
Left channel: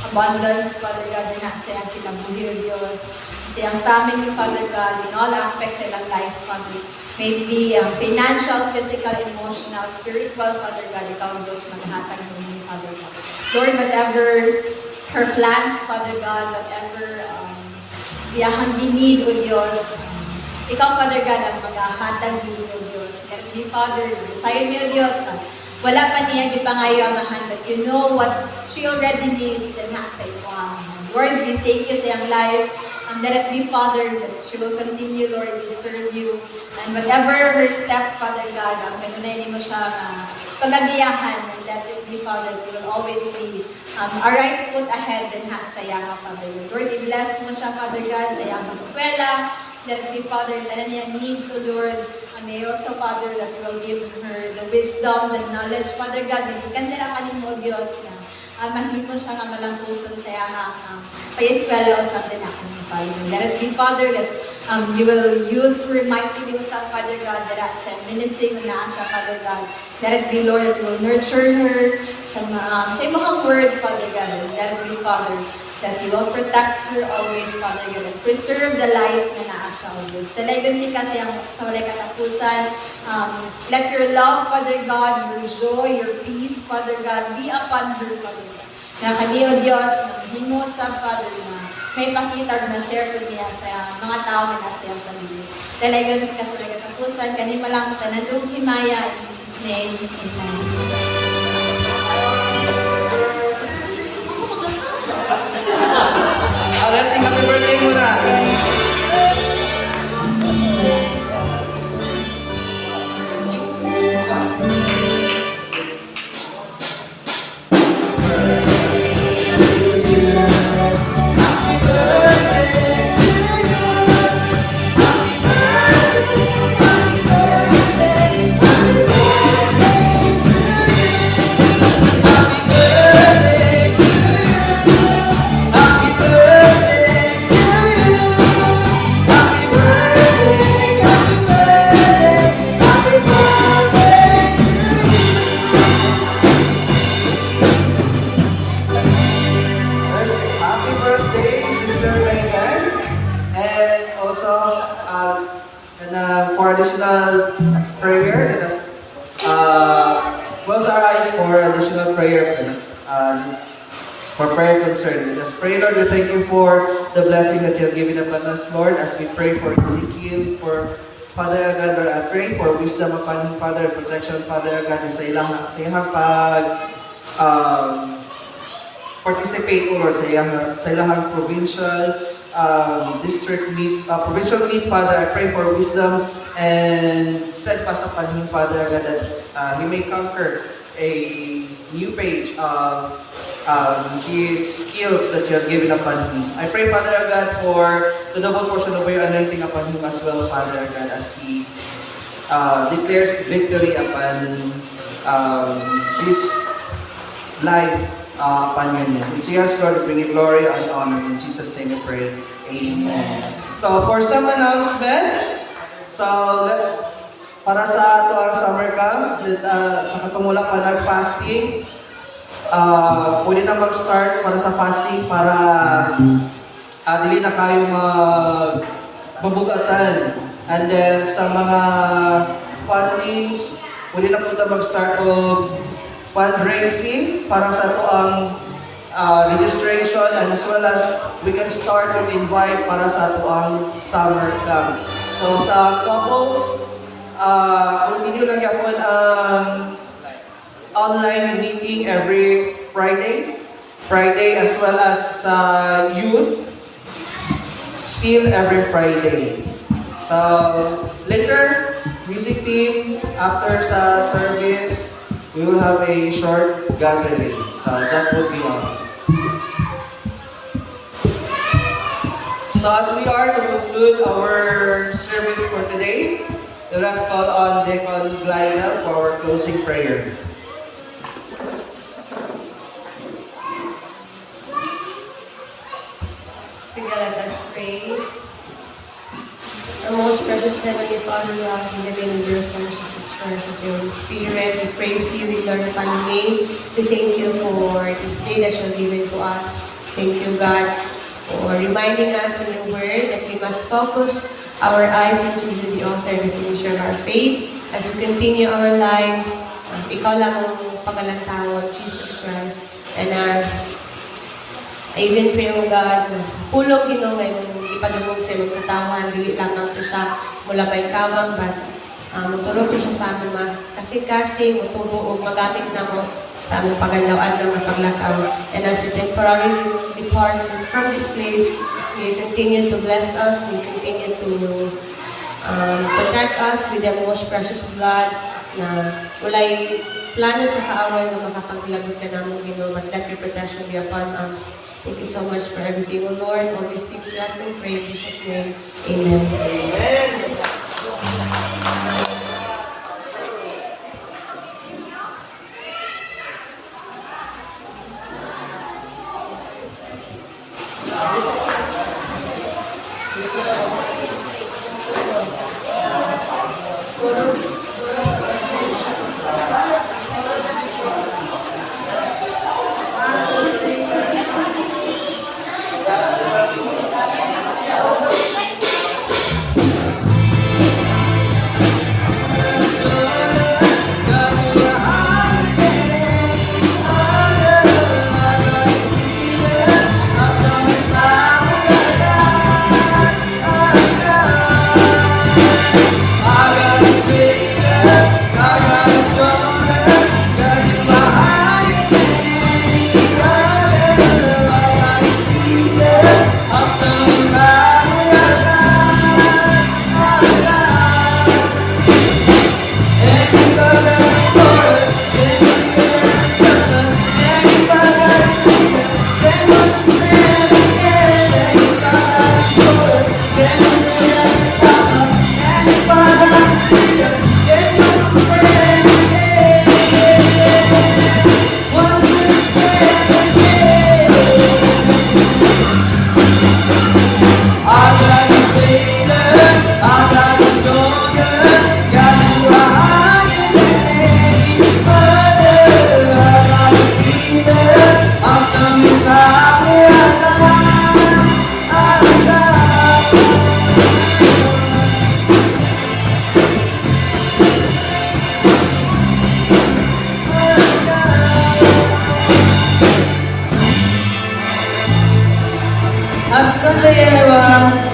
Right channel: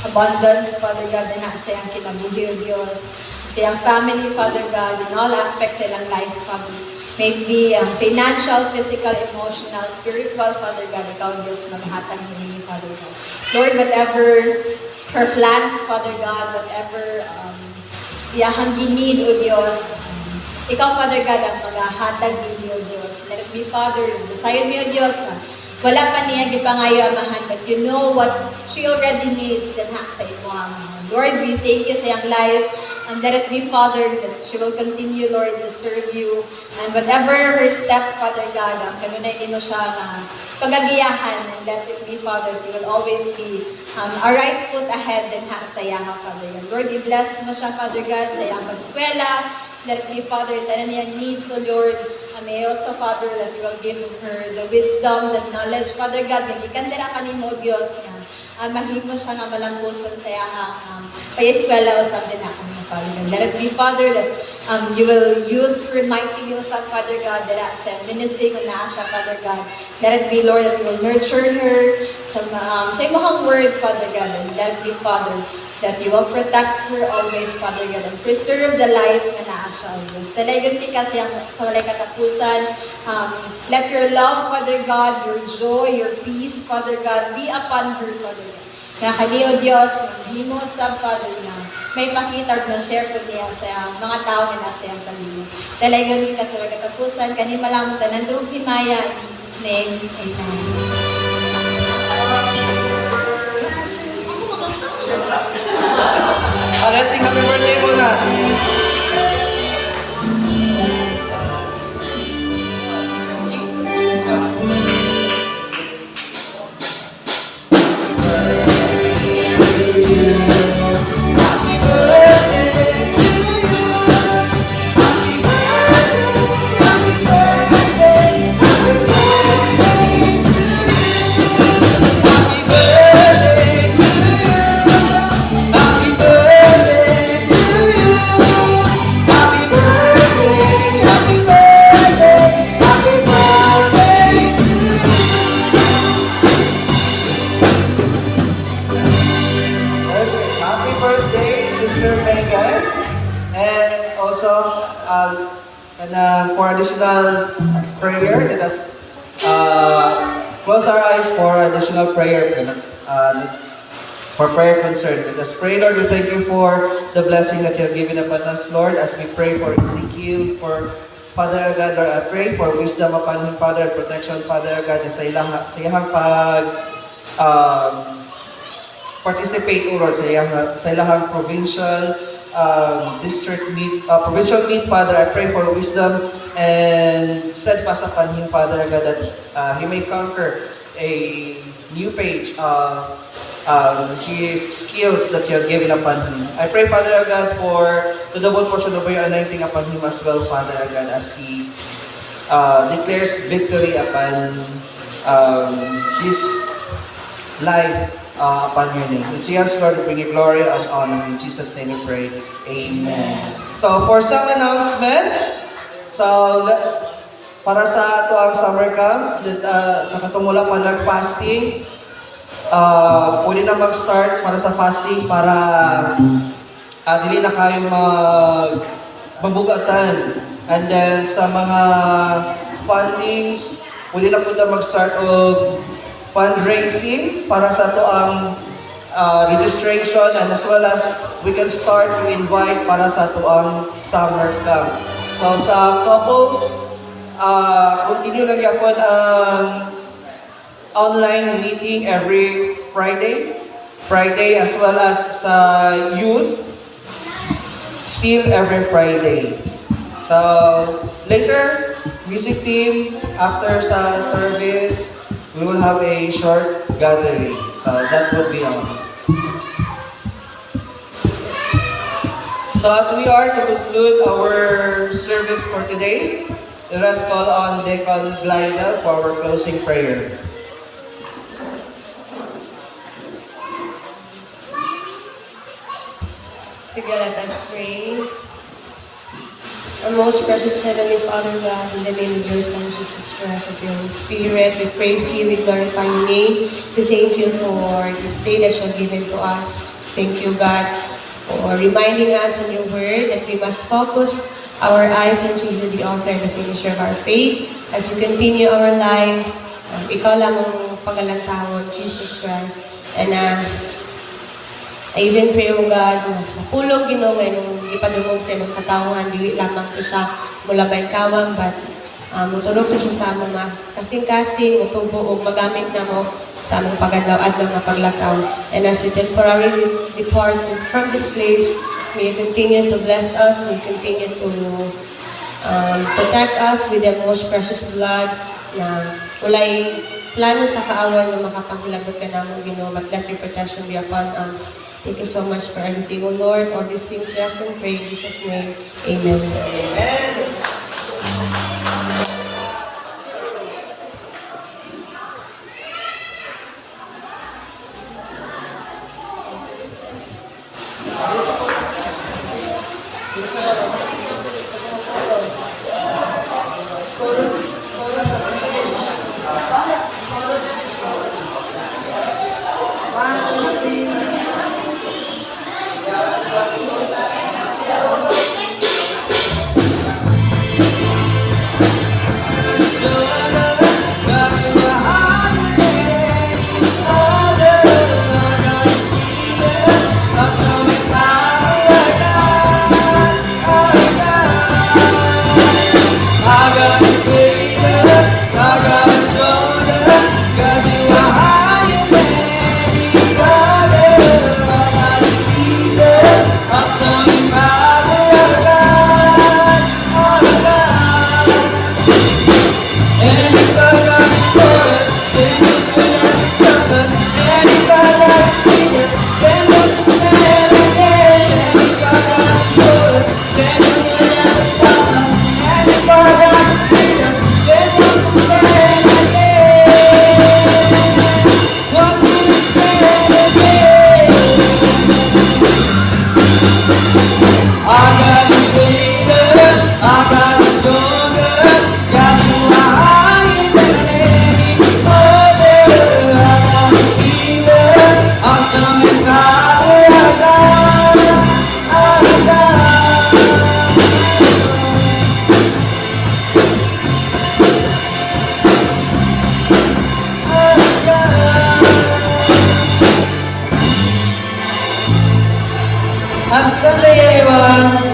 abundance, Father God, na nasa iyang kinabuhi, O Diyos. Sa iyang family, Father God, in all aspects sa ilang life, Father. May it be financial, physical, emotional, spiritual, Father God, ikaw, Diyos, maghatag niya, Father God. Lord, whatever her plans, Father God, whatever iyahang ginid, O Diyos, ikaw, Father God, ang maghahatag niya, O Diyos. Let it be, Father, desayon mo, O Diyos, wala pa niya gipangayo amahan, but you know what she already needs, then ha sa ito. Lord, we thank you sa iyang life. Let it be, Father, that she will continue, Lord, to serve you. And whatever her step, Father God, kanunay mo siya na pagagiyahan. And let it be, Father, you will always be a right foot ahead and ha sa iya, Father God. Lord, i-bless mo siya, Father God, sa iyang pag-eskwela. Let it be, Father, that niya needs, so Lord, may also, Father, that you will give her the wisdom, the knowledge, Father God, hindi kandira ka ni mo, Diyos, nga mahimo siya nga malampuson sa iya pay-eskwela o sa din ako ng Father God. Let it be, Father, that you will use to remind me sa Father God, that sa ministry ko na siya, Father God. Let it be, Lord, that you will nurture her sa imong word, Father God. Let it be, Father, that you will protect her always, Father God, and preserve the life na naa siya, O Diyos. Talagang di kasi sa walay katapusan, let your love, Father God, your joy, your peace, Father God, be upon her, Father God. Kaya kani, O Diyos, mahimo sa Father na may pakita na share ko niya sa mga tao na nasa iyang pamilya. Talagang di kasi sa walay katapusan, kanima lang tanan doong himaya, in Jesus' name, Amen. Let's sing happy birthday muna. For additional prayer, let us close our eyes for additional prayer. for prayer concern. Let us pray, Lord. We thank you for the blessing that you have given upon us, Lord, as we pray for Ezekiel, for Father God, Lord, I pray for wisdom upon him, Father, protection, Father God, and sa iyang participate, O Lord, sa ilahang provincial district meet, provincial meet, Father. I pray for wisdom and steadfast upon him, Father God, that he may conquer a new page of his skills that you have given upon him. I pray, Father God, for the double portion of your anointing upon him as well, Father God, as he declares victory upon his life upon your name. It's yours, Lord, to bring you glory and honor. In Jesus' name we pray. Amen. So, for some announcement, para sa ato ang summer camp, sa katungula pa nag-fasting, pwede na mag-start para sa fasting para dili na kayo mabugatan. And then sa mga fundings, pwede na po na mag-start of fundraising para sa ito ang registration, and as well as we can start to invite para sa ito ang summer camp. So sa couples, continue lang yapon ang online meeting every Friday as well as sa youth, still every Friday. So later, music team, after sa service, we will have a short gathering. So that would be all. So as we are to conclude our service for today, let us call on Deacon Glidel for our closing prayer. Sige, let us pray. Our most precious Heavenly Father, God, in the name of your Son, Jesus Christ, of your Holy Spirit, we praise you, we glorify your name. We thank you for this day that you have given to us. Thank you, God, for reminding us in your word that we must focus our eyes into you, the author and the finisher of our faith, as we continue our lives. Ikaw lang ang pagalantawan, Jesus Christ. And as I even pray, O God, na sa pulong ginawin mong ipadungog sa imong katawan, dili lamang ko siya mula ba ikawang, but mutulog ko siya sa mga kasing-kasing, mutubo o magamit na mo sa among pagalaw at ng paglakaw. And as we temporarily depart from this place, may you continue to bless us, may you continue to protect us with your most precious blood, na walay plano sa kaawan na makapaglagot ka naman, Ginoo, but let your protection be upon us. Thank you so much for everything, O Lord. All these things we ask and pray in Jesus' name. Amen. Amen. everyone.